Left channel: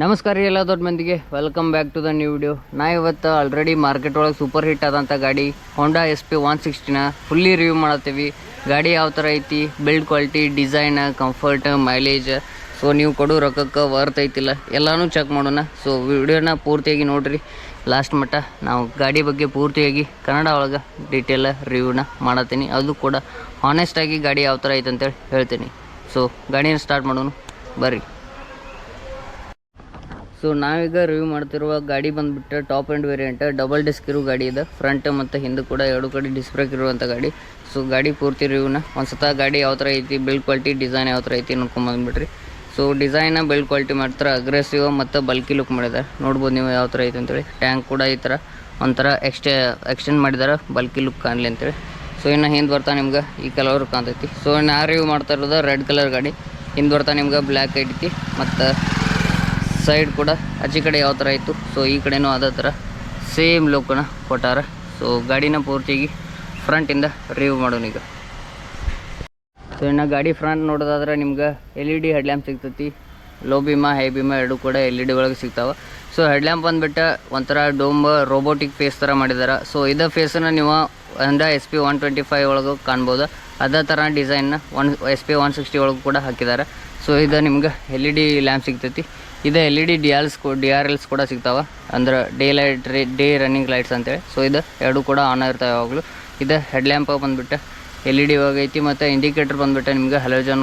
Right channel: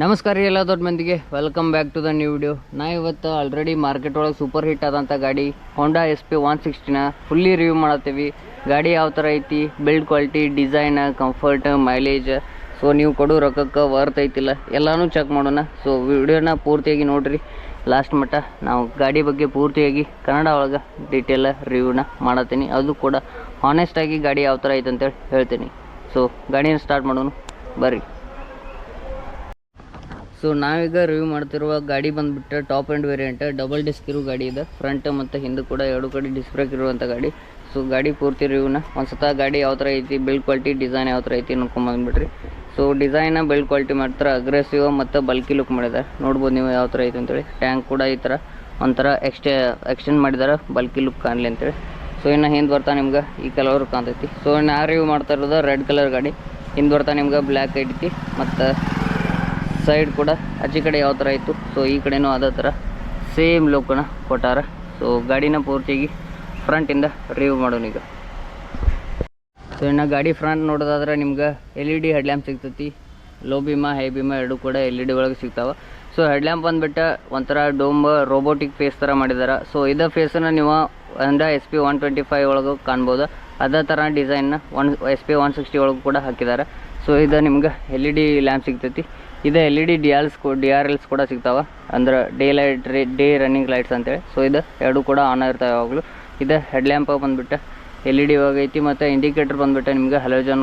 ನಮಸ್ಕಾರ ರೀ ಎಲ್ಲ ದೊಡ್ಡ ಮಂದಿಗೆ, welcome back to the new video. ನಾ ಇವತ್ತು ಆಲ್ರೆಡಿ ಮಾರ್ಕೆಟ್ ಒಳಗೆ ಸೂಪರ್ ಹಿಟ್ ಆದಂಥ ಗಾಡಿ ಹೋಂಡಾ SP 160ನ ಫುಲ್ಲಿ ರಿವ್ಯೂ ಮಾಡತ್ತೀವಿ. ಗಾಡಿ ಯಾವ ಥರ ಐತಿ, build quality, design, comfort, mileage, so ನೀವು ಕೊಡೋ ರೊಕ್ಕಕ್ಕೆ ವರ್ತ್ ಐತಿಲ್ಲ ಎಲ್ಲನೂ ಚೆಕ್ ಮಾಡೋಣ. ಸೊ ವಿಡಿಯೋನ ಪೂರ್ತಿಯಾಗಿ ನೋಡಿರಿ ಲಾಸ್ಟ್ ಮಟ್ಟ. ನಾವು ಗಾಡಿ ಬಗ್ಗೆ ಪೂರ್ತಿಯಾಗಿ ಕನ್ನಡ ಒಳಗೆ ಡೀಟೇಲ್ ರಿವ್ಯೂನ ಮಾಡತ್ತೀನಿ, ಅದು ಕೂಡ ಹಾನೆಸ್ಟಾಗಿ ಗಾಡಿ ಯಾವ ಥರ ಐತೆ ಅಂತೇಳಿ ಹೇಳ್ತೀನಿ. ಸೊ ಗಾಡಿನ ಸ್ಟಾರ್ಟ್ ಮಾಡೋಣ ಬರ್ರಿ. ಸೊ ನಾವೀಗ ರಿವ್ಯೂ ಮಾಡ್ತಿರುವ ಗಾಡಿ ಬಂದುಬಿಟ್ಟು top and variant double disc ಇರೋ ಗಾಡಿ ಇದೆ. ಫ್ರಂಟ್ ಮತ್ತು ಹಿಂದೆ ಕೂಡ ಎರಡು ಕಡೆ ಡಿಸ್ಕ್ ಬ್ರೇಕ್ ಇರುವಂಥ ಗಾಡಿ. ಸೊ ಗಾಡಿ ಪೂರ್ತಿ ರಿವ್ಯೂನ ಒಂದು ಸತ ಗಾಡಿ ಯಾವ ಥರ ಐತಿ, ಬಿಲ್ಡ್ ಕ್ವಾಲಿಟಿ, ಡಿಸೈನ್ ಯಾವ ಥರ ಐತಿ ನೋಡ್ಕೊಂಬಂದ್ಬಿಟ್ರಿ. ಸೊ ಡಿಸೈನ ಬಿಲ್ಡ್ ಕ್ವಾಲಿಟಿ ಮಾಡ್ತಾರೆ, ಅಗ್ರೆಸಿವ್ ಮತ್ತು ಬಲ್ಕಿ ಲುಕ್ ಮಾಡಿದ್ದಾರೆ. ನೋಡ್ಬೋದು ನೀವು ಯಾವ ಥರ ಐತೆ ಅಂತೇಳಿ. ಟ್ಯಾಂಕ್ ಕೂಡ ಈ ಥರ ಒಂಥರ ಎಕ್ಸ್ಟೆಂಡ್ ಮಾಡಿದ್ದಾರೆ ಬಲ್ಕಿ ಲುಕ್ ಕಾಣಲಿ ಅಂತೇಳಿ. ಸೊ ಇನ್ನು ಹಿಂದೆ ಬರ್ತಾ ನಿಮ್ಗೆ ಈ ಕಲರ್ ಕಾಣ್ತೈತಿ. ಸೊ ನಾ ರಿವ್ಯೂ ಮಾಡ್ತಾ ಇರೋದು ರೆಡ್ ಕಲರ್ ಗಾಡಿ. ಹಿಂದೆ ಬರ್ತಾ ನಿಮ್ಗೆ ಬ್ಲ್ಯಾಕ್ ಐತಿ ಮತ್ತು ಸೈಡ್ ಕೂಡ ಆಚೆ ಕಡೆ ಯಾವ ಥರ ಇತ್ತು, ಸೊ ಈ ಕಡೆನೂ ಅದೇ ಥರ ಸೇಮ್ ಲುಕ್ಕನ್ನ ಕೊಟ್ಟಾರ. ಸೊ ಗಾಡಿನ ಪೂರ್ತಿಯಾಗಿ ಫ್ರಂಟಿಂದ ರಿವ್ಯೂ ಮಾಡೋಣ ಈಗ. ಸೊ ಇನ್ನು ಗಾಡಿ ಫ್ರಂಟ್ ನೋಡೋದಾದ್ರೆ ನಿಮ್ಗೆ LED ಹೆಡ್ಲ್ಯಾಂಪ್ ಸಿಗ್ತೈತಿ. ಲೋ ಬೀಮ, ಹೈ ಬೀಮ ಎರಡು ಕೂಡ LED ಒಳಗೆ ಸಿಗ್ತಾವೆ. ಸೊ ಹೆಡ್ಲ್ಯಾಂಪ್ ಬಂದುಬಿಟ್ಟು ಒಂಥರ ಡೋಮ್ ರೋಬೋಟಿಕ್ ಫೇಸ್ ಥರ ಮಾಡಿದ್ದಾರೆ. ಸೊ ಇದೇ ಫೇಸನ್ನು ನೀವು ಹೋಂಡಾ SP 125 ಒಳಗೆ ಕಾಣ್ಬೋದು. ಅದೇ ಥರ ಡಿಸೈನ್ನ SP 160 ಒಳಗೆ ಕೂಡ ಹಾಕಿದ್ದಾರೆ. ಸೊ ಇದು ನಿಮ್ಗೆ LED ಲ್ಯಾಂಪ್ ಸಿಗ್ತೈತಿ. ಇದು LED DRLs ಕೂಡ ಸಿಗ್ತಾವೆ, ಅಂದ್ರೆ ಡೇ ರನ್ನಿಂಗ್ ಲೈಟ್ಸ್ ಅಂತೇಳಿ. ಸೊ ಇದು ಎರಡು ಕೂಡ ಆನ್ ಇರ್ತಾವೆ ಯಾವಾಗಲೂ. ಇದು ಹೆಡ್ಲ್ಯಾಂಪ್ ಬಂದುಬಿಟ್ಟು LED ಒಳಗೈತಿ ಮತ್ತು ಇಂಡಿಕೇಟರ್ ಬಂದುಬಿಟ್ಟು ನಿಮ್ಗೆ ಹಲೋಜನ್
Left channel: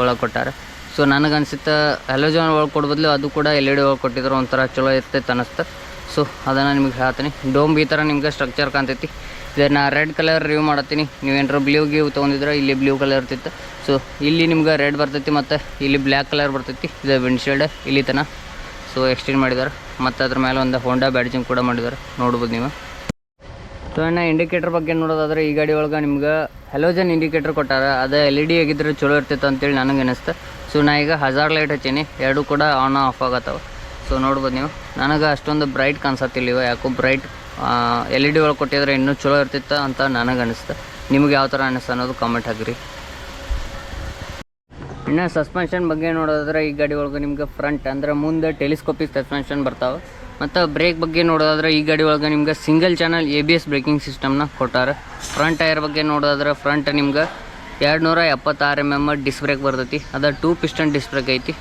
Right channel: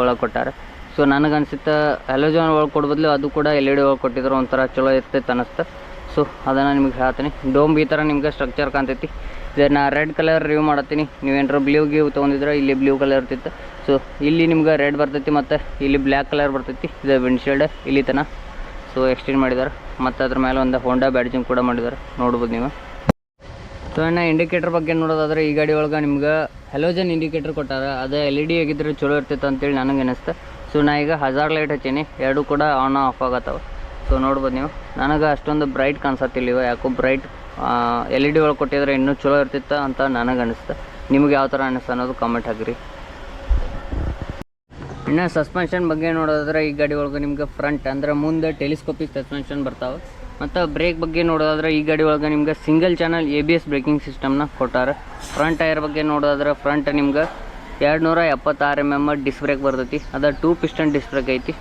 ಒಳಗೆ ಕೊಟ್ಟಾರೆ. ಸೊ ನನಗೆ ಅನಿಸುತ್ತೆ ಹಲೋಜನ್ ಒಳಗೆ ಕೊಡ್ಬದ್ಲು ಅದು ಕೂಡ LED ಒಳಗೆ ಕೊಟ್ಟಿದ್ರು ಒಂಥರ ಚಲೋ ಇರ್ತೈತೆ ಅನ್ನಿಸ್ತು. ಸೊ ಅದನ್ನು ನಿಮ್ಗೆ ಹೇಳ್ತೀನಿ. ಡೋಮ್ ಈ ಥರ ನಿಮ್ಗೆ ಸ್ಟ್ರಕ್ಚರ್ ಕಾಣ್ತೈತಿ. ಇದನ್ನು ರೆಡ್ ಕಲರ್ ರಿವ್ಯೂ ಮಾಡತ್ತೀನಿ. ನೀವೇನಾರು ಬ್ಲೂ ತೊಗೊಂಡಿದ್ರೆ ಇಲ್ಲಿ ಬ್ಲೂ ಕಲರ್ ಇರ್ತಿತ್ತು. ಸೊ ಇಲ್ಲಿ ನಿಮ್ಗೆ ರೆಡ್ ಬರ್ತೈತಿ ಮತ್ತು ಇಲ್ಲಿ ಬ್ಲ್ಯಾಕ್ ಕಲರ್ ಬರ್ತೈತಿ. ಇದು ವಿಂಡ್ಶೀಲ್ಡ್ ಇಲ್ಲಿ ತನಕ ಸೊ ಎಕ್ಸ್ಟೆಂಡ್ ಮಾಡಿದ್ದಾರೆ ಮತ್ತು ಅದ್ರ ಮೇಲೆ ಒಂದು ಹೋಂಡಾ ಬ್ಯಾಡ್ಜಿಂಗ್ ಕೂಡ ಮಾಡಿದ್ದಾರೆ, ನೋಡ್ಬೋದು ನೀವು. ಸೊ ಇನ್ನು ಇಂಡಿಕೇಟರ್ ಬಗ್ಗೆ ನೋಡೋದಾದ್ರೆ ಈ ಗಾಡಿ ಒಳಗೆ ನಿಮ್ಗೆ ಹಲೋಜನ್ ಇಂಡಿಕೇಟರ್ ಕೊಟ್ಟಾರ. ಅದು LED ಆಗಿದ್ರೆ ಚಲೋ ಇರ್ತಿತ್ತು ಅಂತೇಳಿ ನನಗೆ ಅನಿಸ್ತು. ಸೊ ನಾ ಈಗ ಹಜಾರ್ ಲೈಟ್ ಹಚ್ಚೀನಿ, ಎರಡು ಕೂಡ ಆನ್ ಆಫ್ ಆಗತ್ತವೆ. ಸೊ ನೋಡ್ಬೋದು ನೀವು. ನನಗೆ ಅಷ್ಟೊಂದು ಬ್ರೈಟ್ ಕಾಣಿಸತ್ತಿಲ್ಲ ಇವ, ಯಾಕೋ ಬ್ರೈಟ್ LED ಒಳಗೆ ಕೊಟ್ಟಿದ್ರೆ ಇನ್ನೂ ಚಲೋ ಇರ್ತಿತ್ತು ಅಂತ ನನಗೆ ಅನಿಸ್ತು. ನಿಮ್ಗೆ ಯಾವ ಥರ ಅನಿಸ್ತು ಅನ್ನೋದು ಕಾಮೆಂಟ್ ಹಾಕಿರಿ. ಇನ್ನು ಸಸ್ಪೆನ್ಷನ್ ಬಗ್ಗೆ ನೋಡೋದಾದ್ರೆ ಈ ಗಾಡಿ ಒಳಗೆ ನಿಮ್ಗೆ ಫ್ರಂಟ್ ಅಂದ್ರೆ ಮುಂದೆ ಟೆಲಿಸ್ಕೋಪಿಕ್ ಸಸ್ಪೆನ್ಷನ್ ಬರ್ತಾವೆ. ಮತ್ತು ಬ್ರೇಕ್ ಬಗ್ಗೆ ನೋಡೋದಾದ್ರೆ ಈ ಗಾಡಿ ಒಳಗೆ ನಿಮ್ಗೆ ಸಿಂಗಲ್ ಚಾನಲ್ ABS ಬ್ರೇಕಿಂಗ್ ಸಿಸ್ಟಮ್ನ ಕೊಟ್ಟಾರೆ. ಫ್ರಂಟ್ ಟೈರ್ ಬಗ್ಗೆ ನೋಡೋದಾದ್ರೆ ಫ್ರಂಟ್ ನಿಮ್ಗೆ 276 mm ಡಿಸ್ಕ್ ಬ್ರೇಕ್ ಬರ್ತೈತಿ. ಅದು 2 ಪಿಸ್ಟನ್ ಡಿಸ್ಕ್ ಬ್ರೇಕ್ ಐತಿ.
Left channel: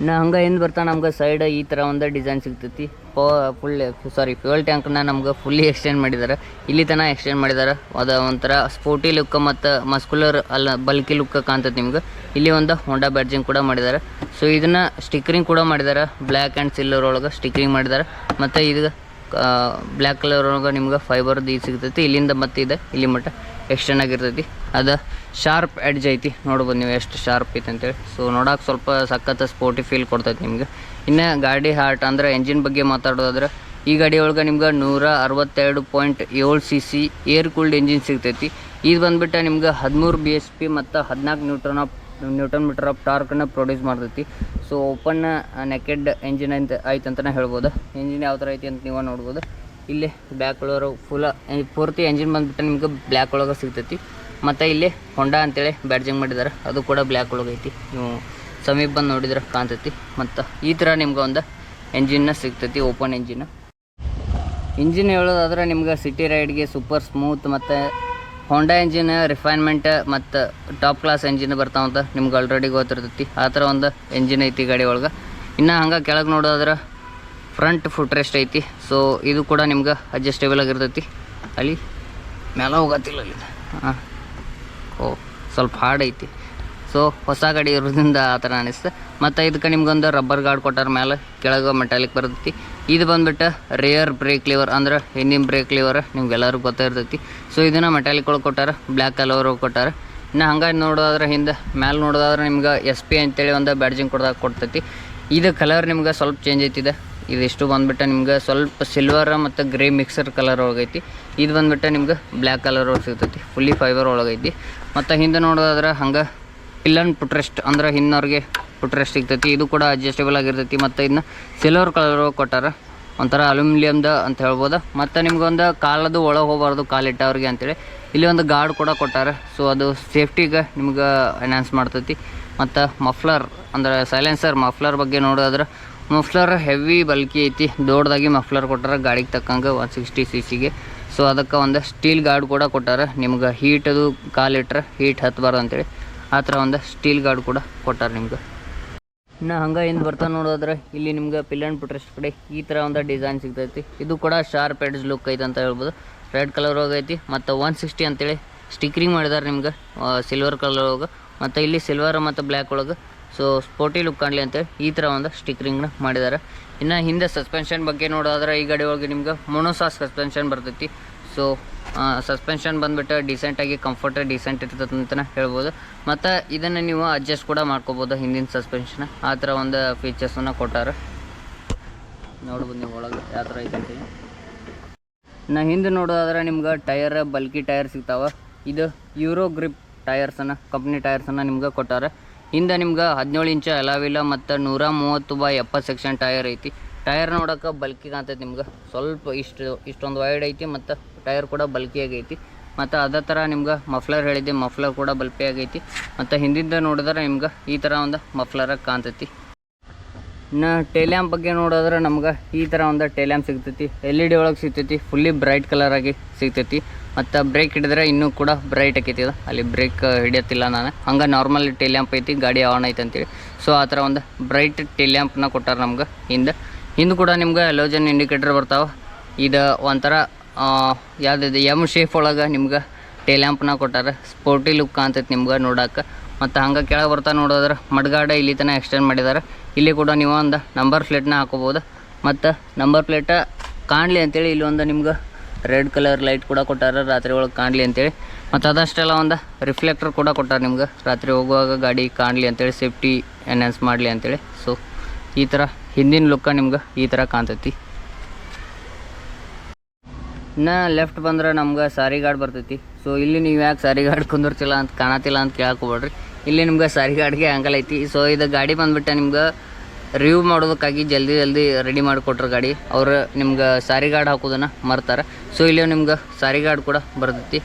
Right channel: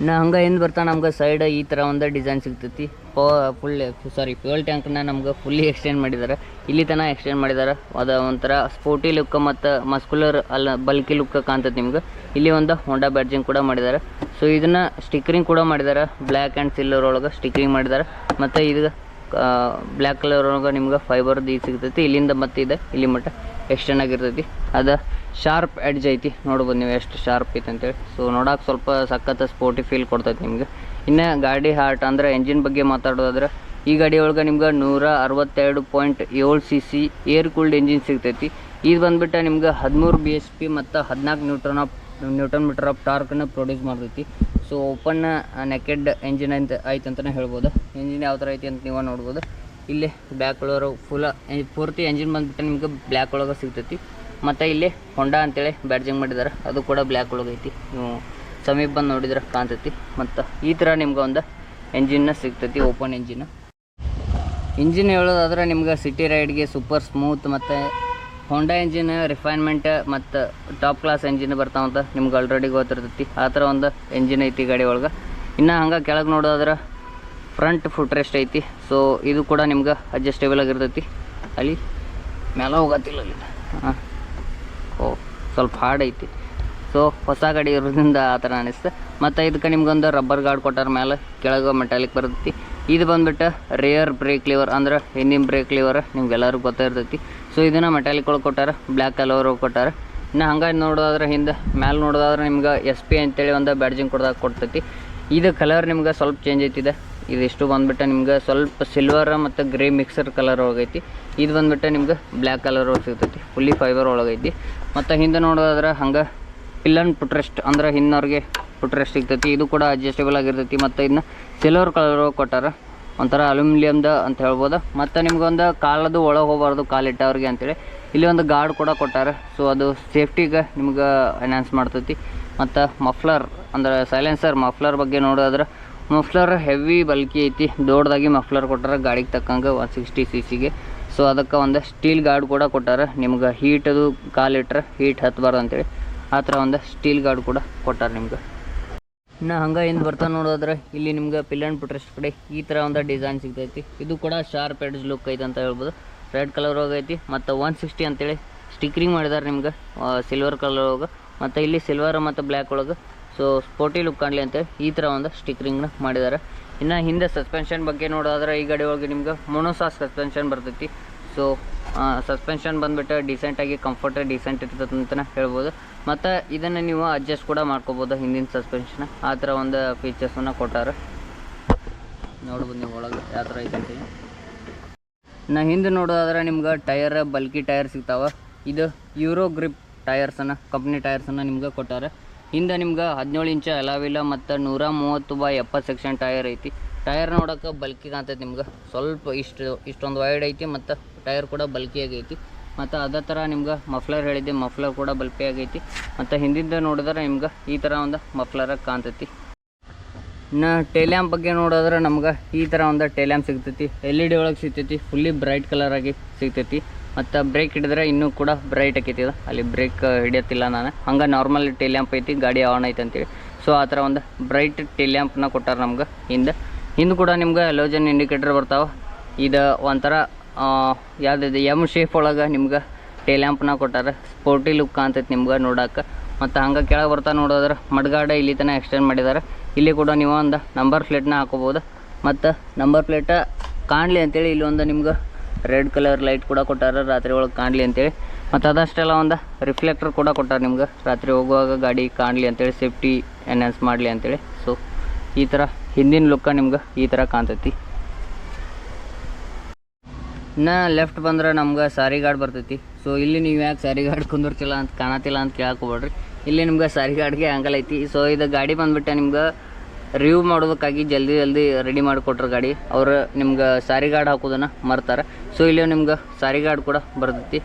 ಇನ್ನು ಹಂಗೆ ಹಿಂದೆ ಬರ್ತಾ ನಮ್ಗೆ ಸೈಡ್ ಈ ಥರ ಒಂದು ಡಿಸೈನ್ ಸಿಗ್ತೈತಿ. ಫ್ಯೂಯಲ್ ಟ್ಯಾಂಕ್ನ ನಮ್ಗೆ ಫುಲ್ಲಿ ಎಕ್ಸ್ಟೆಂಡ್ ಮಾಡಿದ್ದಾರೆ. ಇಲ್ಲಿ ತನಕ ಎಕ್ಸ್ಟೆಂಡ್ ಮಾಡಿದ್ದಾರೆ. ಅದು ಒಂಥರ ಸ್ಪೋರ್ಟಿ ಲುಕ್ ಮತ್ತು ಮಸ್ಕುಲರ್ ಬಲ್ಕಿ ಲುಕ್ ಕಾಣ್ತೈತಿ ನಿಮ್ಗೆ. ಇಲ್ಲಿ ಒಂದು ಹೋಂಡಾ ಬ್ಯಾಡ್ಜಿಂಗ್ ಕೂಡ ಮಾಡಿದ್ದಾರೆ. ಸೊ ಇದನ್ನು ಸ್ಟಿಕ್ಕರಿಂಗ್ ಕೂಡ ಮಾಡಿದ್ದಾರೆ, ಬ್ಲ್ಯಾಕ್ ಆ್ಯಂಡ್ ಸಿಲ್ವರ್ ಒಳಗೆ ಸ್ಟಿಕ್ಕರಿಂಗ್ ಮಾಡಿದ್ದಾರೆ. ಮತ್ತು ಇದು ಬ್ಲ್ಯಾಕ್ ಕಲರ್ ಒಳಗೆ ನಿಮ್ಗೆ ಫೈಬರ್ದು ಇದು ಸಿಗ್ತೈತಿ. ಇಲ್ಲಿಂದ ಮತ್ತು ಇದೆ ಇಲ್ಲಿ ಮಟ್ಟ ಎಕ್ಸ್ಟೆಂಡ್ ಆಗಿರ್ತೈತಿ. ಅದು ಶಾರ್ಪ್ ಎಡ್ಜ್ ಐತಿ, ನೋಡ್ಬೋದು ನೀವು ಎಷ್ಟು ಶಾರ್ಪ್ ಐತೆ ಅಂತೇಳಿ. ಸೊ ನೋಡೋಕೆ ಸ್ವಲ್ಪ ಸಖತ್ ಸ್ಪೋರ್ಟಿ ಫೀಲ್ ಕೊಡ್ತೈತಿ ನಿಮ್ಗೆ. ಇನ್ನು ಗಾಡಿ ಹಾರ್ಟ್ ಅಂದರೆ ಎಂಜಿನ್ ಬಗ್ಗೆ ಮಾತಾಡೋದಾದ್ರೆ ಈ ಗಾಡಿ ಒಳಗೆ ನಿಮ್ಗೆ 162.7 cc ಏರ್ ಕೂಲ್ಡ್ ಎಂಜಿನ್ ಸಿಗ್ತೈತಿ. ಇದು ಬಂದುಬಿಟ್ಟು ನಿಮ್ಗೆ 13 bhp ಮತ್ತು 14 ನ್ಯೂಟನ್ ಮೀಟರ್ ಆಫ್ ಟಾರ್ಕನ್ನು ಪ್ರೊಡ್ಯೂಸ್ ಮಾಡ್ತೈತಿ. ಸೊ ಓಪನ್ ನೆಕೆಡ್ ಎಂಜಿನ್ ಐತೆ ಅಂತಲೇ ಹೇಳ್ಬೋದು. ಎಂಜಿನ್ ಯಾವ ಥರ ಐತಿ ಅಂತ ನೀವು ನೋಡ್ಬೋದು. ಇಲ್ಲಿ ಬ್ಲ್ಯಾಕ್ ಕಲರ್ ಪೂರ್ತಿ ಎಂಜಿನ್ ಬಂದುಬಿಟ್ಟು ನಿಮ್ಗೆ ಬ್ಲ್ಯಾಕ್ ಒಳಗೆ ಸಿಗ್ತೈತಿ. ಮತ್ತು ಇಲ್ಲಿ ಹೊಂಡಾ ಅಂತೇಳಿ ಬ್ಯಾಡ್ಜಿಂಗ್ ಮಾಡಿದ್ದಾರೆ, ಅದು ಕೂಡ ಬ್ಲ್ಯಾಕ್ ಒಳಗೆ ಐತಿ. ನೀವು ಸಮೀಪ ಬಂದು ನೋಡಿದ್ರೆ ಕಾಣ್ತೈತಿ. ಮತ್ತು ಈ ಥರ ನಿಮ್ಗೆ ಒಂದು ಎಂಜಿನ್ನ ಸಿಗ್ತೈತಿ, ಓಪನ್ ಇಂಜಿನ್ ಹೇಳೋದಾದ್ರೆ ನಿಮ್ಗೆ ಸಿಟಿ ರೈಡ್ಗೆ ಸೂಪರ್ ಸ್ಮೂತ್ ಮತ್ತು ಹೋಂಡಾ ಎಂಜಿನ್ ರಿಫೈನ್ಮೆಂಟ್ ಮತ್ತು ಟಾಪ್ ಕ್ಲಾಸ್ ಎಂಜಿನ್ ಬರ್ತಾವಂತ ನಿಮ್ಗೆ ಆಲ್ರೆಡಿ ಗೊತ್ತಿರ್ತೈತಿ. ಆ ಥರ ಒಂದು ಎಂಜಿನ್ ಐತಿ ಗಾಡಿ ಒಳಗೆ. ಇನ್ನು ಹಂಗೆ ಕೆಳಗೆ ನೋಡೋದಾದ್ರೆ ಫ್ರಂಟ್ ಫುಟ್ ರೆಸ್ಟ್ ಐತಿ. ಸೊ ಇದು ಕೂಡ ನಿಮ್ಗೆ ಅಡ್ಜಸ್ಟೇಬಲ್ ಆಗಿರ್ತೈತಿ. ಅಲ್ಲಿ ಮೇಲೆ ಹೋಗತ್ತಿಲ್ಲ ಅಲ್ಲಿ ಸ್ವಲ್ಪ ಹಾರ್ಡ್ ಐತಿ. ಸೊ ಹೊಸ ಗಾಡಿ ಇರೋದ್ರಿಂದ ಆ ಥರ ಅನಿಸ್ತು. ಮತ್ತು ಇದಕ್ಕೆ ನಿಮ್ಗೊಂದು ರಬ್ಬರ್ ಗಾರ್ಡ್ ಕೊಟ್ಟಾರ, ಮೇಲೆ ಕೆಳಗೆ ಮೆಟಾಲಿಕ್ ಬರ್ತೈತಿ. ಇದು ಬಂದುಬಿಟ್ಟು ರೇಯರ್ ಬ್ರೇಕ್ ಲಿವರ್ ಅಂದ್ರೆ ಹಿಂದಿನ ಬ್ರೇಕ್ ಲಿವರ್, ನಿಮ್ಗೆಲ್ಲರಿಗೂ ಗೊತ್ತಿರ್ತೈತಿ. ಸೊ ಇದನ್ನು ಮೆಟಾಲಿಕ್ ಒಳಗೆ ಕೊಟ್ಟಾರ, ಬ್ಲ್ಯಾಕ್ ಕಲರ್ ಕೊಟ್ಟಾರ. ಇನ್ನು ಹಂಗೆ ನೋಡೋದಾದ್ರೆ ಹಿಂದೆ ಮೇಲೆ ನೋಡೋದಾದ್ರೆ ನಿಮ್ಗೆ SP ಅಂತೇಳಿ ಒಂದು ಬ್ಯಾಡ್ಜಿಂಗ್ ಕೊಡ್ತೈತಿ. ಇದು ಕಲರ್ ನಿಮ್ಗೆ ಸ್ವಲ್ಪ ಚೇಂಜ್ ಐತಿದೆ. ಇದಿಷ್ಟು ಬಂದುಬಿಟ್ಟು ನಿಮ್ಗೆ ಸ್ವಲ್ಪ ಸಿಲ್ವರ್ ಮತ್ತು ಗ್ರೇ ಮಿಕ್ಸರ್ ಕಲರ್ ಒಳಗೈತಿ. ಇದು ಬಂದುಬಿಟ್ಟು ನಿಮ್ಗೆ ಬ್ಲ್ಯಾಕ್ ಕಲರ್ ಒಳಗೆ ಸಿಗ್ತೈತಿ, ಫುಲ್ಲಿ ಫೈಬರ್ ಒಳಗೈತಿ. ಮತ್ತು ಹಿಂದೆ ನೋಡೋದಾದ್ರೆ ಹಂಗೆ ಪಿಲ್ಲನ್ ಪುಟ್ರೆಸ್ಟ್ ಅಂದ್ರೆ ಹಿಂದವ್ರಿಗೆ ಪುಟ್ರೆಸ್ಟ್ ಸಿಗ್ತೈತಿ. ಇದು ಕೂಡ ಅಡ್ಜಸ್ಟೇಬಲ್ ಆಗಿರ್ತೈತಿ. ಮತ್ತು ಇದನ್ನ ಸಿಲ್ವರ್ ಕಲರ್ ಕೊಟ್ಟಾರ, ಒಂಥರ ಅಲ್ಯೂಮಿನಿಯಮ್ದ ಅಂತ ಹೇಳ್ಬೋದು. ಮತ್ತು ನಿಮ್ಗೊಂದು ಕಾಲದು ಒಳಗೆ ಹೋಗಬಾರ್ದು ಕಾಲಿಟ್ಟವ್ರಿಗೆ ಅಂತೇಳಿ ಇಲ್ಲಿ ಒಂದು ಗಾರ್ಡ್ ಕೂಡ ಕೊಟ್ಟಾರೆ. ಸೊ ಅದು ಸೇಫ್ಟಿಗೆ ನಿಮ್ಗೆ ಎನ್ಹಾನ್ಸ್ ಮಾಡ್ತೈತಿ. ಮತ್ತು ಮಫ್ಲರ್ ಅಂದರೆ ಸೈಲೆನ್ಸರ್ ಮಫ್ಲರ್ ಬಗ್ಗೆ ನೋಡೋದಾದ್ರೆ ಮಫ್ಲರ್ ಹೆವಿ ಬಲ್ಕಿ ಐತಿ, ದೊಡ್ಡದಾಗಿ ಮಫ್ಲರ್ ಕೊಟ್ಟಾರ ಗಾಡಿಗೆ ತಕ್ಕಂಗೆ 160 cc. ಸೊ ಅದಕ್ಕೆ ಒಂದು ಸ್ಟೀಲ್ ಗಾರ್ಡ್ ಕೂಡ ಕೊಟ್ಟಾರ, ನಿಮ್ಗೆ ಹೀಟ್ ಅದು ಕಾಲಿಟ್ರೆ ಹೀಟ್ ಹತ್ತಬಾರ್ದು ಅಂತೇಳಿ ಆ ಥರ ಒಂದು ಸ್ಟೀಲ್ ಗಾರ್ಡ್ ಕೂಡ ಕೊಟ್ಟಾರ ನಿಮ್ಗೆ. ಇನ್ನು ಹಂಗೆ ಹಿಂದೆ ಬರ್ತಾ ನೋಡೋದ್ರೆ ಇಲ್ಲಿ ನಿಮ್ಗೆ ಪಿಲ್ಲನ್ ಪುಟ್ರೆಸ್ಟ್ ಕಡೆ ಈ ಥರ ಒಂದು ಡಿಸೈನ್ ಸಿಗ್ತೈತಿ. ಇದು ಕೂಡ ಶಾರ್ಪ್ ಎಡ್ಜ್ ಲುಕ್ ಐತೆ ಅಂತ ಹೇಳ್ಬೋದು. ರೆಡ್ ಕಲರ್ ಹೋಗೈತಿ ಮತ್ತು 160 ಅಂತೇಳಿ ಸ್ಟಿಕ್ರಿಂಗ್ ಮಾಡಿದ್ದಾರೆ ನಿಮ್ಗೆ ಸಿಲ್ವರ್ ಕಲರ್ ಒಳಗೆ, ಮತ್ತು ಇಲ್ಲಿ ಸಿಲ್ವರ್ ಮತ್ತು ಬ್ಲ್ಯಾಕ್ ಒಳಗೆ. ಸೊ ಸ್ಪೋರ್ಟಿ ಲುಕ್ ಕಾಣಲಿ ಅಂತೇಳಿ ಈ ಥರ ಒಂದು ಸ್ಟಿಕ್ರಿಂಗ್ನ ಮಾಡಿದ್ದಾರೆ. ಇನ್ನು ಹಿಂದೆ ಸಸ್ಪೆನ್ಷನ್ ಬಗ್ಗೆ ನೋಡೋದ್ರೆ ಈ ಗಾಡಿ ಒಳಗೆ ನಿಮ್ಗೆ ಮೊನೋಸಾಸ್ ಸಸ್ಪೆನ್ಷನ್ ಬರ್ತೈತಿ. ಸೊ ಸಸ್ಪೆನ್ಷನ್ ಬಂದುಬಿಟ್ಟು ಡಿಸೆಂಟಾಗಿ ಕಂಫರ್ಟ್ ಡಿಸೆಂಟ್ ಇರ್ತದೆ ಅಂತಲೇ ಹೇಳ್ಬೋದು. ಮತ್ತು ಇದನ್ನು ನೀವು ಅಡ್ಜಸ್ಟ್ ಕೂಡ ಮಾಡ್ಕೋಬೋದು ಹಿಂದಿನ ಸಸ್ಪೆನ್ಷನ್, ಆ ಥರ ಒಂದು ಫೀಚರ್ಸನ್ನು ಕೊಟ್ಟಾರೆ. ನೋಡ್ಬೋದು ನೀವು ಒಳಗೆ ಯಾವ ಥರ ಐತೆ ಅಂತೇಳಿ. ನಾ ಹಿಂದೆ ನೋಡೋದಾದ್ರೆ ನಿಮ್ಗೆ ಟೈರ್ ಬಲ್ಕಿ ಟೈರ್ ಸಿಗ್ತಾವೆ. ಇದು ಯೂರೋ ಗ್ರಿಪ್ ಟೈರ್ಸನ್ನು ಕಂಪ್ನಿ ಟೈರ್ಸನ್ನು ನಿಮ್ಗೆ ಕೊಟ್ಟಾರೆ. ಹಿಂದೆ ನಿಮ್ಗೆ 17 ಇಂಚ್ ಅಲಾವಿಲ್ಲ ಮತ್ತು 130/70 ಸೆಕ್ಷನ್ ಟೈರ್ ಐತಿ. ಟೈರ್ ನೋಡೋಕೆ ಬಲ್ಕಿ ಕಾಣ್ತೈತಿ ನಿಮ್ಗೆ, ಸ್ವಲ್ಪ ಇಷ್ಟೊಂದು ವೈಡ್ ಐತಿ ಮತ್ತು ಟೈರ್ ಕೂಡ ಬಲ್ಕಿಯಾಗಿ ಐತಿ. ಮತ್ತು ಅದೇ ಥರ ನಿಮ್ಗೆ ಮಫ್ಲರ್ ಹೇಳಿದ್ದೆ, ಮಫ್ಲರ್ ಕೂಡ ಬಲ್ಕಿಯಾಗಿ ಐತಿ. ಮತ್ತು ಹಿಂದಿಂದ ನೋಡಿದ್ರೆ ನಿಮ್ಗೆ ಈ ಥರ ಒಂದು ಮಫ್ಲರಾಗಿ ಕಾಣ್ತೈತಿ. ಇನ್ನು ಟೇಲ್ಯಾಂಪ್ ಬಗ್ಗೆ ನೋಡಿದ್ರೆ ನಮ್ಗೆ ಈ ಥರ ಒಂದು ಟೇಲ್ಯಾಂಪ್ ಸಿಗ್ತೈತಿ, LED ಒಳಗೆ ಸಿಗ್ತೈತಿ, ಫುಲ್ಲಿ ಬ್ರೈಟ್ ಕಲರಾಗಿ ಸಿಗ್ತೈತಿ. ಮತ್ತು ಬ್ರೇಕ್ ಹಿಡಿದ್ರೆ ಇನ್ನೂ ಕೂಡ ಬ್ರೈಟ್ ಆಕೈತಿ. ಅಲ್ಲಿ ಬ್ರೇಕ್ ಹಿಡಿಯತ್ತಿಲ್ಲ ನಾನು, ಹಂಗೆ ನಾರ್ಮಲ್ ಟೇಲ್ಯಾಂಪ್ ಐತಿ, ಗಾಡಿ ಆನ್ ಐತೆ ಅಂತೇಳಿ. ಸೊ ಆ ಥರ ಒಂದು ಬ್ರೈಟ್ ಟೇಲ್ಯಾಂಪ್ನ ಕೊಟ್ಟಾರೆ ನಮ್ಗೆ. ಹಿಂದೆ ಕೂಡ ನಿಮ್ಗೆ ಹ್ಯಾಲೋಜನ್ ಇಂಡಿಕೇಟರ್ ಬರ್ತಾವೆ. ಇದು ಒಂಥರ ಯಾವುದಿದೆ ಎಮ್ ಶೇಪ್ ಒಳಗೆ ನಿಮ್ಗೆ ಟೇಲ್ಯಾಂಪ್ನ ಕೊಟ್ಟಾರೆ. ಸ್ಪೋರ್ಟಿ ಲುಕ್ ಕಾಣ್ತೈತೆ ನಿಮ್ಗೆ ನೋಡೋಕೆ. ಮತ್ತು ಹಂಗೆ ಕೆಳಗೆ ಬರ್ತಾ ನೋಡೋದ್ರೆ ಮಡ್ಗಾಡ ಇಲ್ಲಿ ತನಕ ಎಕ್ಸ್ಟೆಂಡ್ ಮಾಡಿದ್ದಾರೆ. ಇಲ್ಲಿ ಕೂಡ ನೀವು ಒಂದು ನಂಬರ್ ಪ್ಲೇಟ್ನ ಹಾಕೋಬೋದು. ಮತ್ತು ನಂಬರ್ ಪ್ಲೇಟ ಕಾಣಲಿ ಅಂತೇಳಿ ಇಲ್ಲಿ ಒಂದು ನಿಮ್ಗೆ ರೆಡ್ ಕಲರ್ ಲೈಟ್ ಕೂಡ ಕೊಟ್ಟಾರೆ ರಾತ್ರಿ ಒಳಗೆ ಕಾಣಲಿ ಅಂತೇಳಿ. ಮತ್ತು ಅದಷ್ಟೆಲ್ಲ ಒಂದು ರಿಫ್ಲೆಕ್ಟರ್ ಕೂಡ ಕೊಟ್ಟಾರೆ ನಿಮ್ಗೆ, ರಾತ್ರಿ ಹೋಗುವಾಗ ಗಾಡಿ ಕಾಣಲಿ ಅಂತೇಳಿ, ಸೇಫ್ಟಿ ಎನ್ಹಾನ್ಸ್ ಮಾಡಲಿ ಅಂತೇಳಿ. ಸೊ ಈ ಥರ ಹಿಂದಿನ ಲುಕ್ಕ ನಿಮ್ಗೆ ಈ ಥರ ಕಾಣ್ತೈತಿ. ಇನ್ನು ಲೆಫ್ಟ್ ಬಂದ್ರೆ ನಮ್ಗೆ ಸಾರಿ ಗಾರ್ಡ್ ಬರ್ತೈತಿ. ಸೊ ಇಲ್ಲಿ ನೀವು ಯಾಕೆ ಸಾರಿ ಗಾರ್ಡ್ ಕುಂದಿರ್ತಿಲ್ಲ ಅಂತ ಕಾಣತಿಲ್ಲ ಅಂತ ಕೇಳ್ಕೊಬೇಡ್ರಿ, ಇಲ್ಲಿ ನಿಮ್ಗೆ ಸಾರಿ ಗಾರ್ಡ್ಗೆ ಆ್ಯಂಗಲ್ ಐತಿ. ಸೊ ಇದು ಗಾಡಿ ಬಂದುಬಿಟ್ಟು ನಿಮ್ಗೆ ರಿವ್ಯೂ ಮಾಡೋದಕ್ಕಾಗಿ ಜಲ್ದಿ ರೆಡಿ ಮಾಡಿಕೊಟ್ರು ಗಾಡಿ. ಅವ್ರು ನಿಮ್ಗೆ ಸಾರಿ ಗಾರ್ಡ್ ಹಾಕೋದನ್ನು ಮರ್ತಾರೆ. ಸೊ ಇಲ್ಲಿ ನಿಮ್ಗೆ ಸಾರಿ ಗಾರ್ಡ್ ಕೂಡ ಬರ್ತೈತಿ.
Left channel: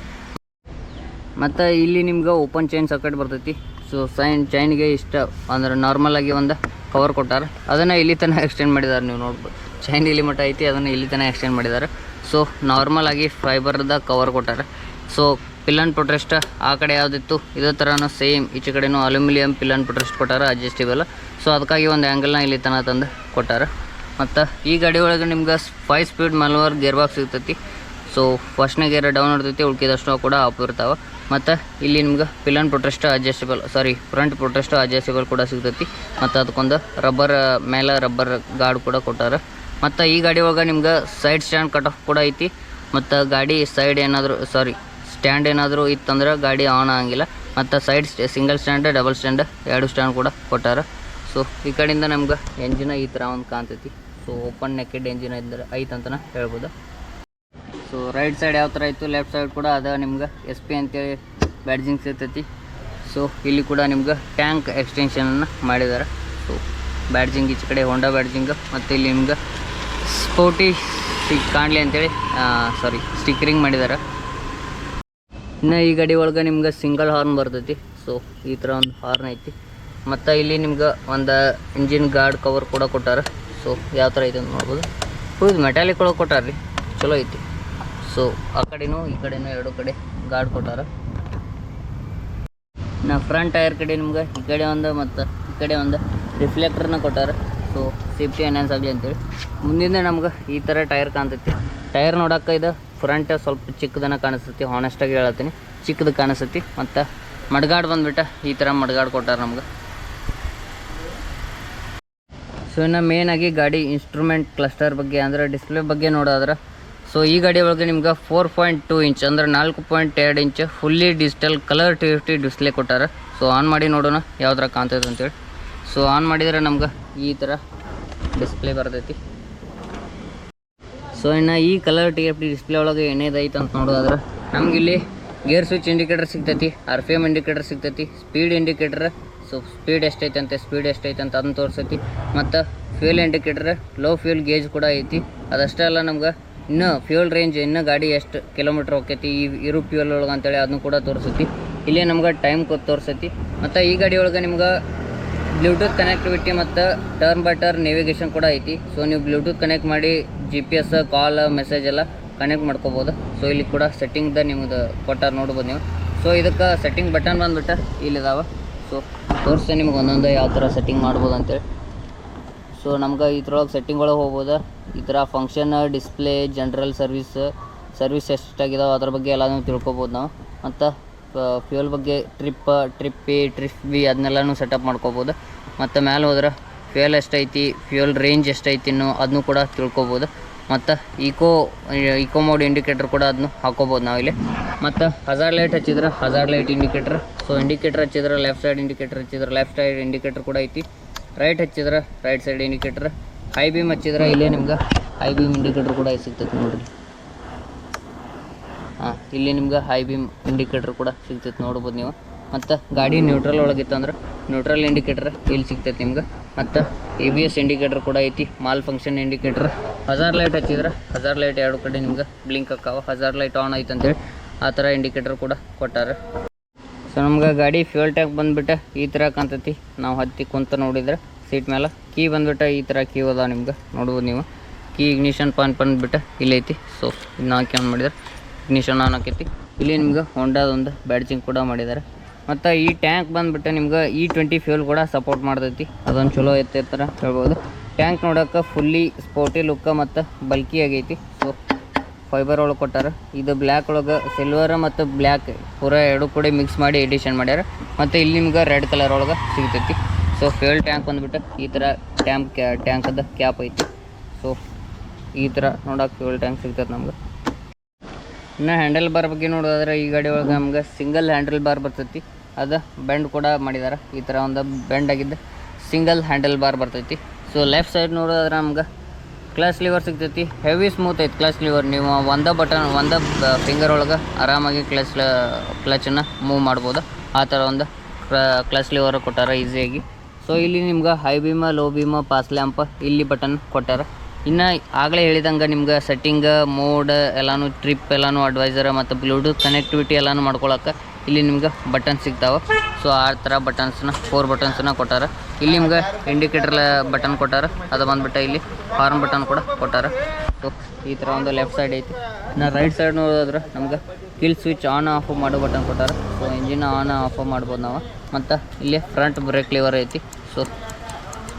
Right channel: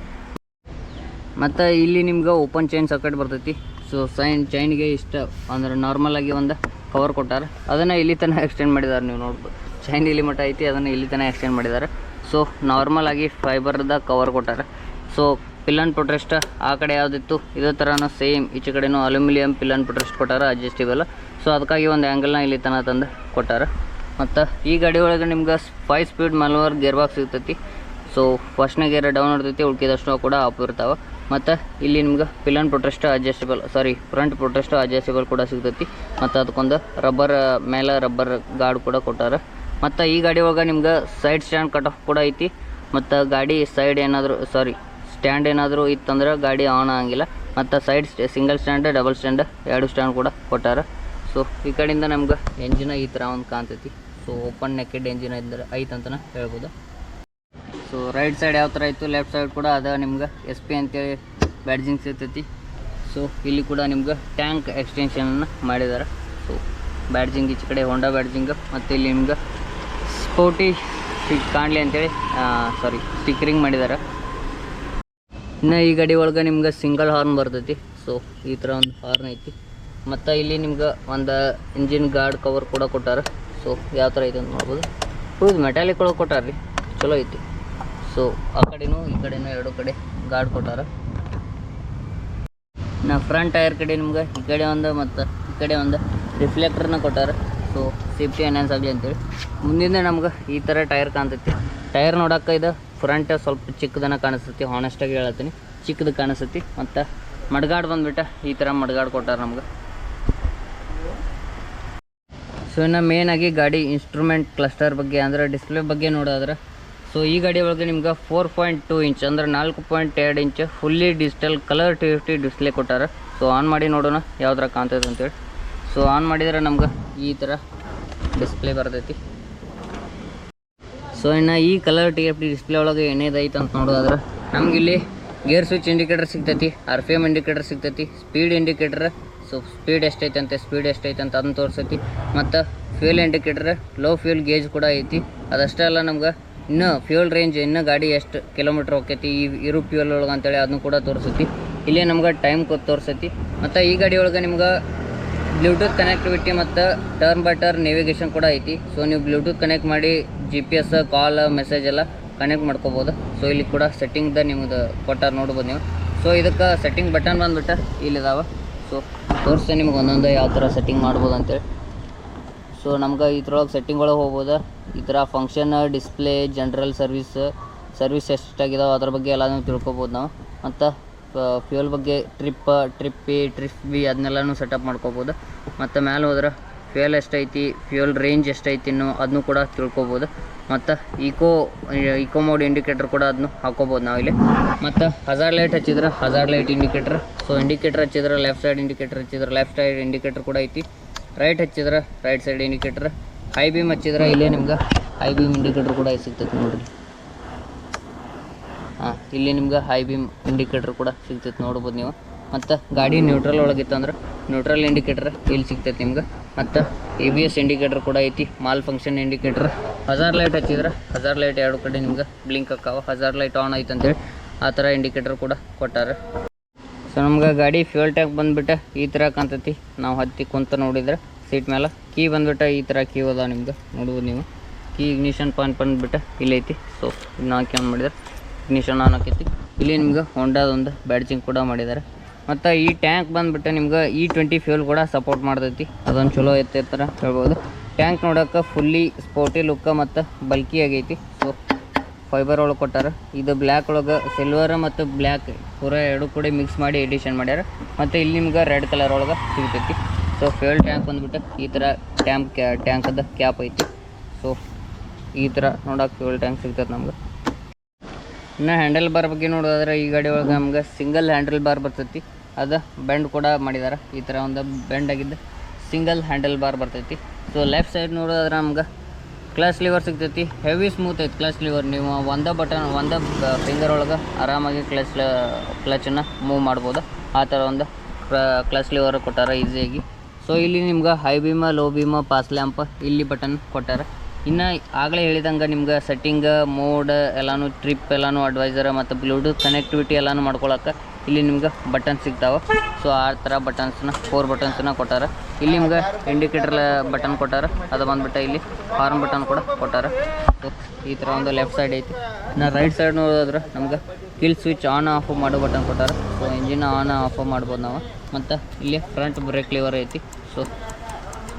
ಮತ್ತು ಇಲ್ಲಿ ನಿಮ್ಗೆ ಓಪನ್ ಚೈನ್ ಸಾಕೆಟ್ ಬರ್ತೈತಿ. ಸೊ ಚೈನ್ಗೆ ಇಷ್ಟ ಅಂದ್ರೆ ನಾರ್ಮಲಾಗಿ ಒಂದು ಕವರ್ ಕೊಟ್ಟಾರೆ, ಅದನ್ನು ಇಲ್ಲಿ ತನಕ ಎಕ್ಸ್ಟೆಂಡ್ ಮಾಡಿದ್ದಾರೆ. ನೀವು ನೋಡ್ಬೋದು ಚೈನ್ ಇಲ್ಲಿ ಮಟ್ಟ ಐತಿ, ಅದನ್ನು ಇಲ್ಲಿ ತನಕ ಎಕ್ಸ್ಟೆಂಡ್ ಮಾಡಿದ್ದಾರೆ. ಸೊ ನಾರ್ಮಲಾಗಿ ಫೈಬರ್ದ ಕವರ್ ಕೊಟ್ಟಾರೆ. ಸೊ ಪಿಲ್ಲನ್ ಪೊಟ್ರೆಸ್ಟ್ ಆ ಕಡೆ ಯಾವುದಿತ್ತು ಇದೇ ಥರನೂ ಸೇಮ್ ಈಚೆ ಕಡೆನೂ ಅಲ್ಯೂಮಿನಿಯಂ ಪಿಲ್ಲನ್ ಪೊಟ್ರೆಸ್ಟ್ ಕೊಟ್ಟಾರೆ, ಅಡ್ಜಸ್ಟಿಬಲ್. ಸೊ ಅದಕ್ಕಾಗಿ ಒಂದು ಆ್ಯಂಗಲ್ನ ಇಲ್ಲಿ ತನಕ ತಂದು ಕೊಟ್ಟಾರೆ. ಮತ್ತು ಈ ಗಾಡಿ ಒಳಗೆ ನಿಮ್ಗೆ 5 ಸ್ಪೀಡ್ ಮ್ಯಾನುವಲ್ ಗೇರ್ ಬಾಕ್ಸ್ ಸಿಗ್ತೈತಿ. ಸೊ ಫಸ್ಟ್ನೇ ಗೇರ್ ಡೌನ್ ಇರ್ತೈತಿ, ಉಳ್ಕಿದಷ್ಟು ಕೂಡ ಅಪ್ ಇರ್ತಾವೆ. ಮತ್ತು ಇಲ್ಲಿ ನಿಮ್ಗೆ ಪಿಲ್ಲನ್ ಪೊಟ್ರೆಸ್ಟ್ ಫ್ರಂಟ್ ಪೊಟ್ರೆಸ್ಟ್ ಅಡ್ಜಸ್ಟಬಲ್ ಕೂಡ ಸಿಗ್ತೈತಿ. ಮತ್ತು ಅದಕ್ಕೊಂದು ಮೇಲೆ ರಬ್ಬರ್ ಗಾರ್ಡ್ ಕೂಡ ಕೊಟ್ಟಾರೆ. ಮತ್ತು ಈ ಗಾಡಿ ಒಳಗೆ ನಿಮ್ಗೆ ಸೈಡ್ ಸ್ಟ್ಯಾಂಡ್ ಕಟ್ ಆಫ್ ಕೂಡ ಐತಿ. ಮತ್ತು ಗಾಡಿ ಸೈಡ್ ಸ್ಟ್ಯಾಂಡ್ ಏನಾದರೂ ಇತ್ತಂದ್ರೆ ಗಾಡಿ ಆನ್ ಆಗಂಗಿಲ್ಲ. ಮತ್ತು side single stand, double stand 2 stand ಕೂಡ ಕೊಟ್ಟಾರೆ. ಸೊ ಈ ಕಡೆಯಿಂದ ನಮ್ಗೆ ಎಂಜಿನ ಈ ಥರ ಒಂದು ಕಾಣ್ತೈತಿ. ಸೊ ಓಪನ್ ನೆಕೆಡ್ ಎಂಜಿನ್ ಐತೆ ಅಂತಲೇ ಹೇಳ್ಬೋದು. ಸೊ ರೈಟ್ ಸೈಡ್ ಯಾವ ಥರ ಇತ್ತು, ಲೆಫ್ಟ್ ಸೈಡ್ ಕೂಡ ಅದ ನಿಮ್ಗೆ SP ಅಂತೇಳಿ ಬ್ಯಾಡ್ಜಿಂಗ್ ಸಿಗ್ತೈತಿ. ಸೊ ಇಲ್ಲಿ ಕೂಡ ನಿಮ್ಗೆ ಟ್ಯಾಂಕ್ ಎಕ್ಸ್ಟೆನ್ಷನನ್ನು ಮಾಡಿದ್ದಾರೆ. ಸೊ ಬ್ಯಾಡ್ಜಿಂಗ್ ಈಚೆ ಕಡೆ ಹೋಂಡಾ ಬ್ಯಾಡ್ಜಿಂಗ್, ಮತ್ತು ಇಲ್ಲಿ ನಿಮ್ಗೆ ಸ್ಪೋರ್ಟಿ ಕಾಣಲಿ ಅಂತೇಳಿ ಸ್ಟಿಕ್ಕರಿಂಗ್ ಮಾಡಿದ್ದಾರೆ. ಇನ್ನು ಈ ಗಾಡಿ ಒಳಗೆ ನಿಮ್ಗೆ ಸಿಂಗಲ್ ಹಾರ್ನ್ ಬರ್ತೈತಿ. ಸೊ ಈ ಥರ ಒಂದು ಹಾರ್ನ್ ಐತಿ. ಮತ್ತು ಇಲ್ಲಿ ನಿಮ್ಗೆ ಒಂದು ಇಂಜಿನ್ ಗಾರ್ಡ್ ಕವರ್ ಕೂಡ ಕೊಟ್ಟಾರೆ. ಸೊ ಯಾವ ಥರ ಐತೆ ಅಂತ ನೋಡ್ಬೋದು. ಹೌದು ಮೆಟಾಲಿಕ್ ಒಳಗೆ ಕೊಟ್ಟಾರ ರೀ, ಚಲೋ ಐತಿ. ಸೊ ಆ ಕಡೆನೂ ಈ ಕಡೆನೂ 2 ಕಡೆ ಗಾರ್ಡ್ ಕೊಟ್ಟಾರ. ನಾ ಫ್ರಂಟ್ ಟೈರ್ ಕಡೆ ನಿಮ್ಗೆ ಈ ಕಡೆ ಒಂದು ಮತ್ತು ಈ ಕಡೆ ಒಂದು ರಿಫ್ಲೆಕ್ಟರ್ನ ಕೊಟ್ಟಾರೆ. ಸೊ ಸೇಫ್ಟಿ ಎನ್ಹಾನ್ಸ್ ಆಗಲಿ ಅಂತೇಳಿ. ಮುಂದಿಂದ ನಮ್ಗೆ ಈ ಥರ ಟೈರ್ ಕಾಣ್ತೈತಿ. ಟೈರ್ ನೋಡೋಕೆ ಇದು ಫ್ರಂಟ್ ಸ್ವಲ್ಪ ಚಿಕ್ಕದನ್ನು ಕಾಣಿಸ್ತೈತಿ, ಹಾನೆಸ್ಟಾಗಿ ಹೇಳ್ತೀನಿ, ಚಿಕ್ಕದು ಕಾಣಿಸ್ತೈತಿ. ಮತ್ತು ಮಡ್ಗಾಡ್ ಬಂದುಬಿಟ್ಟು ಈ ಥರ ಮಡ್ಗಾಡ್ ಕೊಟ್ಟಾರೆ ನಮ್ಗೆ. ಸೊ ಇನ್ನು ಮೇನಾಗಿ ಗಾಡಿ ಇನ್ಸ್ಟ್ರೂಮೆಂಟ್ ಕ್ಲಸ್ಟರ್ ಬಗ್ಗೆ ಅಂದರೆ ಡಿಸ್ಪ್ಲೇ ಬಗ್ಗೆ ನೋಡೋದ್ರೆ, ಸೊ ಈ ಗಾಡಿ ಒಳಗೆ ನಿಮ್ಗೆ 4.2 ಇಂಚ್ ಅಂದರೆ 4.2 inch fully digital colour TFT display ಕೊಟ್ಟಾರೆ. ಸೊ ಆನ್ ಮಾಡಿ ನೋಡೋಣ ಯಾವ ಥರ ಕಾಣ್ತೈತೆ ಅಂತೇಳಿ. ಸೊ ಆನ್ ಮಾಡಿದರೆ ನಮ್ಗೆ ಈ ಥರ ಡಿಸ್ಪ್ಲೇ ಬರ್ತೈತಿ. ಸೊ ಇನ್ನು ಈ ಕಲರ್ TFT ಡಿಸ್ಪ್ಲೇ ಒಳಗೆ ಏನೇದೈತೆ ಅಂತ ನೋಡೋದಾದ್ರೆ ನಮಗಿಲ್ಲಿ ಗೇರ್ ಸ್ವಿಚ್ ಇಂಡಿಕೇಟರ್ ಸಿಗ್ತೈತಿ, RPM ಇಂಡಿಕೇಟರ್ ಸಿಗ್ತೈತಿ, ಸ್ಪೀಡ್ ಇಂಡಿಕೇಟರ್. ಸೊ ಸ್ಪೀಡ್ ಎಷ್ಟೈತೆ ಅಂತ ಅದನ್ನು ತೋರಿಸೈತಿ. ಮತ್ತು fuel indicator, low fuel gauge ಕೂಡ ಐತಿ. ಅದಷ್ಟೇ ಅಲ್ಲ ನಮ್ಗೆ ಇನ್ನೂ ಫ್ಯೂಲ್ ರೇಂಜ್, ಇನ್ನೂ ಗಾಡಿ ಎಷ್ಟು ಕಿಲೋಮೀಟ್ರ್ ಹೋಗ್ತೈತಿ ಇರು ಫ್ಯೂಲ್ ಒಳಗೆ ಅಂತೇಳಿ ಅದನ್ನು ಕೂಡ ತೋರಿಸೈತಿ. ಇಲ್ಲೇ ನಮ್ಗೆ ಟೈಮ್ ತೋರಿಸೈತಿ. ಮತ್ತು ಈ ಗಾಡಿ ಒಳಗೆ ನಿಮ್ಗೆ ಬ್ಲೂಟೂತ್ ಕನೆಕ್ಟಿವಿಟಿ ಮತ್ತು ಟರ್ನ್ ಬೈ ಟರ್ನ್ ನೇವಿಗೇಷನ್ ಕೂಡ ಐತಿ. ಸೊ ನೀವು ಬ್ಲೂಟೂತ್ ಕನೆಕ್ಟ್ ಮಾಡಿ GPS ಕಾಲ್ ಮೆಸೇಜ್ ಎಲ್ಲ ಕನೆಕ್ಟ್ ಮಾಡ್ಕೋಬೋದು. ಸೊ ಇಲ್ಲಿ ಕೂಡ ಸೆಟ್ಟಿಂಗ್ದ ನಿಮ್ದು ಕೊಟ್ಟಾರ ನೋಡ್ಬೋದು ನೀವು. ಸೊ ಇದಕ್ಕೆ ಸೆಟ್ಟಿಂಗ್ ಬಟನ್ ಬಂದುಬಿಟ್ಟು ಇಲ್ಲಿದಾವೆ. ಸೊ ತೋರಿಸ್ತೇನೆ ನಿಮ್ಗೆ ಒಂದೊಂದು ಯಾವ ಥರ ಸೆಟ್ಟಿಂಗ್ ಮಾಡ್ಬೋದು ಅಂತೇಳಿ. ಸೊ ನಮ್ಗೆ ಇದ್ರೊಳಗೆ ಸೆಟ್ಟಿಂಗ್ ಒಳಗೆ ಹೋಗ್ಬೋದು. ಈ ಥರ ಫಂಕ್ಷನ್, ಡಿಸ್ಪ್ಲೇ, ಜನರಲ್ ಸರ್ವಿಸ್ ಎಷ್ಟಾಗಿದಾವೆ ಅದ್ರ ಬಗ್ಗೆ ಎಲ್ಲನೂ ತಿಳ್ಕೊಬೋದು ನಾವು. ಮತ್ತು ಫ್ಯೂಯಲ್ ಬಗ್ಗೆ ಟ್ರಿಪ್ ಎ ಟ್ರಿಪ್ ಬಿ ಅದನ್ನೆಲ್ಲನೂ ಸೆಟಪ್ ಮಾಡ್ಕೋಬೋದು. ಮತ್ತು ಮೇಲೆ ಹೋದ್ರೆ ಫ್ಯೂಯಲ್ ಎಷ್ಟೈತಿ, ಫ್ಯೂಯಲ್ ರೇಂಜ್ ಎಷ್ಟೈತಿ ಇನ್ನೂ ಅದನ್ನು ಕೂಡ ತಿಳ್ಕೊಬೋದು. ಮತ್ತು ಈಕೋ ಮೋಡ್ ಇಂಡಿಕೇಟರ್ ಕೂಡ ಅದನ್ನು ಹಾಕೋಬೋದು ನಾವಿಲ್ಲಿ. ಮತ್ತು ಹಜಾರ್ ಲೈಟ್ ಹಚ್ಚಿದ್ರೆ ಹಜಾರ್ ಲೈಟ್ ಇಂಡಿಕೇಟರ್. ಸೊ ಇಂಡಿಕೇಟರ್ ಹಚ್ಚಿದ್ರೆ ಲೆಫ್ಟ್ ಸೈಡ್ ಇಂಡಿಕೇಟರ್ ಹಚ್ಚಿದ್ರೆ ಲೆಫ್ಟ್ ಸೈಡ್ ಇಂಡಿಕೇಟರ್ ಕೂಡ ಐತಿ. ರೈಟ್ ಹಚ್ಚಿದ್ರೆ right side indicator. High beam ಹಚ್ಚಿದ್ರೆ ಇಲ್ಲೇ ನಿಮ್ಗೆ ಹೈ ಬೀಮ್ ಇಂಡಿಕೇಟರ್ ಕೂಡ ಸಿಗ್ತೈತೆ ನೋಡಿರಿ. ಇಲ್ಲಿ ನಿಮ್ಗೆ ಹೈ ಬೀಮ್ ಇಂಡಿಕೇಟರ್ ಕೂಡ ಸಿಗ್ತೈತೆ ನೋಡ್ಬೋದು ನೀವು. ಮತ್ತು ಗಾಡಿ ನ್ಯೂಟ್ರಲ್ ಒಳಗಿತ್ತಂದ್ರೆ ನ್ಯೂಟ್ರಲ್ ಇಂಡಿಕೇಟರ್ ಇಲ್ಲಿ ಸಿಗ್ತೈತೆ ನಿಮ್ಗೆ. ಮತ್ತು ABS ಇಂಡಿಕೇಟರ್ ಕೂಡ ಐತಿ, ಮಾಲ್ ಫಂಕ್ಷನ್ ಇಂಡಿಕೇಟರ್. ಹಜಾರ್ ಲೈಟ್ ಹಚ್ಚಿದ್ರೆ ಹಜಾರ್ ಲೈಟ್ ಎರಡು ಕಡೆ ನಿಮ್ಗೆ ಬ್ಲಿಂಕ್ ಆಕಾವ. ಹಜಾರ್ ಲೈಟ್ ಆನ್ ಐತೆ ಅಂತೇಳಿ ಆ ಥರ ಇಂಡಿಕೇಟರ್ ಕೂಡ ಕೊಟ್ಟಾರೆ. ಸೊ ನಮ್ಗೆ ಗಾಡಿ ಫ್ಯೂಯಲ್ ಟ್ಯಾಂಕ್ ಬಂದುಬಿಟ್ಟು ಈ ಥರ ಕಾಣ್ತೈತಿ. ನಾವು ಹತ್ತಿ ಕುಂತ ನೋಡಿದ್ರೆ ಸೀಟ್ ಮೇಲೆ ಕೀ ಬಂದುಬಿಟ್ಟು ಈ ಥರ ಕೀ ಅದ ನಿಮ್ಗೆ ನೋಡ್ಬೋದು ನೀವು. ಕೀ ಇಗ್ನಿಷನ್ ಪಾಯಿಂಟ್ ಬಂದುಬಿಟ್ಟು ಇಲ್ಲೈತಿ. ಸೊ ಇದನ್ನ ಹಾಕಿ ಆನ್ ಮಾಡಿದ್ರೆ ಇಗ್ನಿಷನ್ ಆನ್ ಆಕೈತಿ. ಇಲ್ಲಿ ನಿಮ್ಗೆ ಹೊಂಡಾದೊಂದು ಬ್ಯಾಡ್ಜಿಂಗ್ ಕೂಡ ಮಾಡಿದ್ದಾರೆ. ಮತ್ತು ಈ ಟ್ಯಾಂಕ್ ಬಂದುಬಿಟ್ಟು ನಿಮ್ಗೆ E20 ಫ್ಯೂಲ್ ಕೂಡ ಸಪೋರ್ಟ್ ಮಾಡ್ತೈತಿ. ಅದೊಂದು ಚಲೋ ಐತೆ ಥರ ಹೇಳ್ಬೋದು. ಟ್ಯಾಂಕ್ ನೋಡೋಕೆ ಫುಲ್ಲಿ ಸ್ಪೋರ್ಟಿ ಲುಕ್ಕ ಮತ್ತು ಬಲ್ಕಿ ಆಗೈತಿ. ಸೊ ಫೈಬರ್ ಒಳಗೆ ಕೊಟ್ಟಾರೆ. ಇದು ಬ್ಲ್ಯಾಕ್ ಒಳಗೆ ಸಿಲ್ವರ್ ಮತ್ತು ಬ್ಲ್ಯಾಕ್ ಪೂರ ಎರಡು ಕೂಡ ಮಿಕ್ಸ್ ಮಾಡಿ ಎಡಿಷನ್ ಮಾಡ್ಯಾರ. ಮತ್ತು ಇಲ್ಲಿ ನಿಮ್ಗೆ ರೆಡ್ ಕಲರ್ ಒಳಗೆ ಸಿಗ್ತೈತಿ. ಸೊ ಫ್ಯೂಯಲ್ ಟ್ಯಾಂಕ್ ಬಂದುಬಿಟ್ಟು ಈ ಥರ ಟ್ಯಾಂಕದ ಕ್ಯಾಪ್ ಐತಿ. ಸೊ ಈ ಥರ ನೋಡೋಕೆ ಫ್ಯೂಯಲ್ ಟ್ಯಾಂಕ್ ಸಿಗ್ತೈತೆ ನಮ್ಗೆ. ಇನ್ನು ಹ್ಯಾಂಡಲ್ ಬಾರ್ ಬಗ್ಗೆ ನೋಡೋದಾದ್ರೆ ಈ ಗಾಡಿ ಒಳಗೆ ನಮ್ಗೆ ಸಿಂಗಲ್ ಹ್ಯಾಂಡಲ್ ಬಾರ್ ಬರ್ತೈತಿ. ಅದು ಬೆಂಡ್ ಕೂಡ ಮಾಡಿದ್ದಾರೆ. ಈ ಥರ ಒಂದು ಬೆಂಡ್ ಆಗಿದ್ದು ಸಿಂಗಲ್ ಹ್ಯಾಂಡಲ್ ಬಾರ್ ಬರ್ತೈತಿ. ಸೊ ಲೆಫ್ಟ್ ಸೈಡ್ ನೋಡೋದಾದ್ರೆ ನಮ್ಗೆ ಕ್ಲಚ್ ಲಿವರ್ ಸಿಗ್ತೈತಿ. ಹೆವಿ ಸ್ಮೂತ್ ಐತಿ ಕ್ಲಚ್ ಲಿವರ್. ನೀವು ಒಂದು ಫಿಂಗರ್ ಒಳಗೆ ಆರಾಮಾಗಿ ಕ್ಲಚನ್ನು ಮೂವ್ ಮಾಡ್ಬೋದು. ಆ ಥರ ಒಂದು ಕ್ಲಚ್ ಲಿವರ್ ಕೊಟ್ಟಾರ ಈಸಿಯಾಗಿ. ಸೊ ಇಲ್ಲಿ ನಿಮ್ಗೆ ಹೈ ಬೀಮ, ಲೋ ಬೀಮ, ಪಾಸ್ ಲ್ಯಾಂಪ್ ಇಲ್ಲಿ ಬಟನ್ ಕೊಟ್ಟಾರ. ಇನ್ನು ಆಗಲೇ ಹೇಳಿದಂಗೆ ನಿಮ್ಗೆ ಸೆಟ್ಟಿಂಗ್ ಮೋಡ್ ಎಲ್ಲನೂ ಟ್ರಿಪ್ ಎಲ್ಲನೂ ಅಡ್ವೈಸರ್ ಮತ್ತು ಬ್ಲೂಟೂತ್ ಕನೆಕ್ಟಿವಿಟಿ ಎಲ್ಲನೂ ಮಾಡ್ಕೊಳಕ್ಕೆ ಇಲ್ಲಿ ನಿಮ್ಗೆ ಬಟನ್ ಸಿಗ್ತಾವೆ. ಸೊ ಆ ಥರ ಬಟನ್ಸ್ನ 4 ಬಟನ್ಸನ್ನ ಕೊಟ್ಟಾರ. ಇಲ್ಲಿ ನಿಮ್ಗೆ ಇಂಡಿಕೇಟರ್ ಬಟನ್ ಕೊಟ್ಟಾರ. ಅದು ಬಂದುಬಿಟ್ಟು ಇಲ್ಲಿ ಹಾರ್ನ್ ಬಟನ್ ಕೂಡ ಕೊಟ್ಟಾರ. ಸೊ ಈ ಥರ ಒಂದು ಲೆಫ್ಟ್ ಸೈಡ್ ಐತಿ. ಇನ್ನು ರೈಟ್ ಸೈಡ್ ನೋಡಿದ್ರೆ ನಮ್ಗೆ ಕಿಲ್ ಸ್ವಿಚ್ ಆನ್ ಆಫ್ ಮಾಡೋ ಬಟನ್ ಕೊಟ್ಟಾರ. ಸೊ ಇಂಜಿನ್ ಆನ್ ಆಫ್ ಮಾಡ್ಬೋದು ನಾವು. ಮತ್ತು ಇಲ್ಲಿ ಫ್ರಂಟ್ ಬ್ರೇಕ್ ಲಿವರ್ ಐತಿ. ಸೊ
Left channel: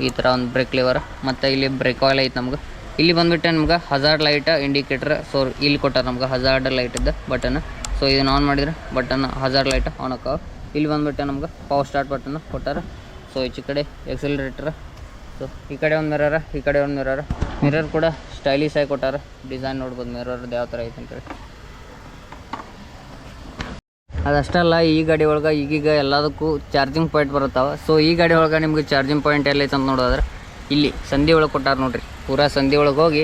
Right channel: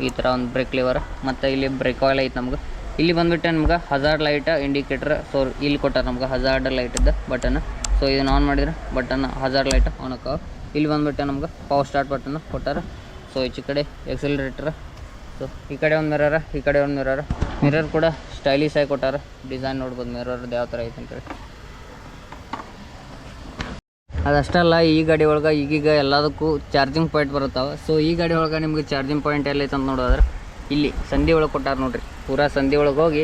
ಈ ಥರ ಒಂದು ಬ್ರೇಕ್ ಲಿವರ್. ಮತ್ತು ಇಲ್ಲಿ ಬ್ರೇಕ್ ಆಯಿಲ್ ಐತೆ ನಮ್ಗೆ. ಇಲ್ಲಿ ಬಂದುಬಿಟ್ಟು ನಮ್ಗೆ ಹಜಾರ್ಡ್ ಲೈಟ್ ಇಂಡಿಕೇಟರ್. ಸೊ ಇಲ್ಲಿ ಕೊಟ್ಟಾರ ನಮ್ಗೆ ಹಜಾರ್ಡ್ ಲೈಟಿದ್ದು ಬಟನ್. ಸೊ ಇದನ್ನು ಆನ್ ಮಾಡಿದ್ರೆ ಬಟನ್ ಹಜಾರ್ಡ್ ಲೈಟ್ ಆನ್ ಆಕಾವ. ಇಲ್ಲಿ ಬಂದುಬಿಟ್ಟು ನಮ್ಗೆ ಪವರ್ ಸ್ಟಾರ್ಟ್ ಬಟನ್ ಕೊಟ್ಟಾರ. ಸೊ ಈಚೆ ಕಡೆ ಎಕ್ಸಲರೇಟರ್. ಸೊ ಈ ಕಡೆ ಒಂದು ಈ ಕಡೆ ಒಂದು ಮಿರರ್ ಕೂಡ ಸ್ಟೈಲಿಶ್ ಆಗಿ ಕೊಟ್ಟಾರ. ಡಿಸೈನ್ ನೋಡ್ಬೋದು ಮಿರರ್ದು ಯಾವ ಥರ ಐತೆ ಅಂತೇಳಿ. ಅದಷ್ಟಲ್ಲ, ಈ ಗಾಡಿ ಒಳಗೆ ಈಗೀಗ ಎಲ್ಲದಕ್ಕೂ ಚಾರ್ಜಿಂಗ್ ಪಾಯಿಂಟ್ ಬರುತ್ತಾವೆ. ಸೊ ಈ ಗಾಡಿ ಒಳಗೆ ನಿಮ್ಗೆ ಚಾರ್ಜಿಂಗ್ ಪಾಯಿಂಟ್ ಎಲ್ಲೈತೆ ಅಂತ ನೋಡೋದ್ರೆ ಇಲ್ಲಿ ಸಂಧಿ ಒಳಗೆ ಕೊಟ್ಟಾರ ನೋಡಿರಿ. ಪೂರಾ ಸಂಧಿ ಒಳಗೆ ಹೋಗಿ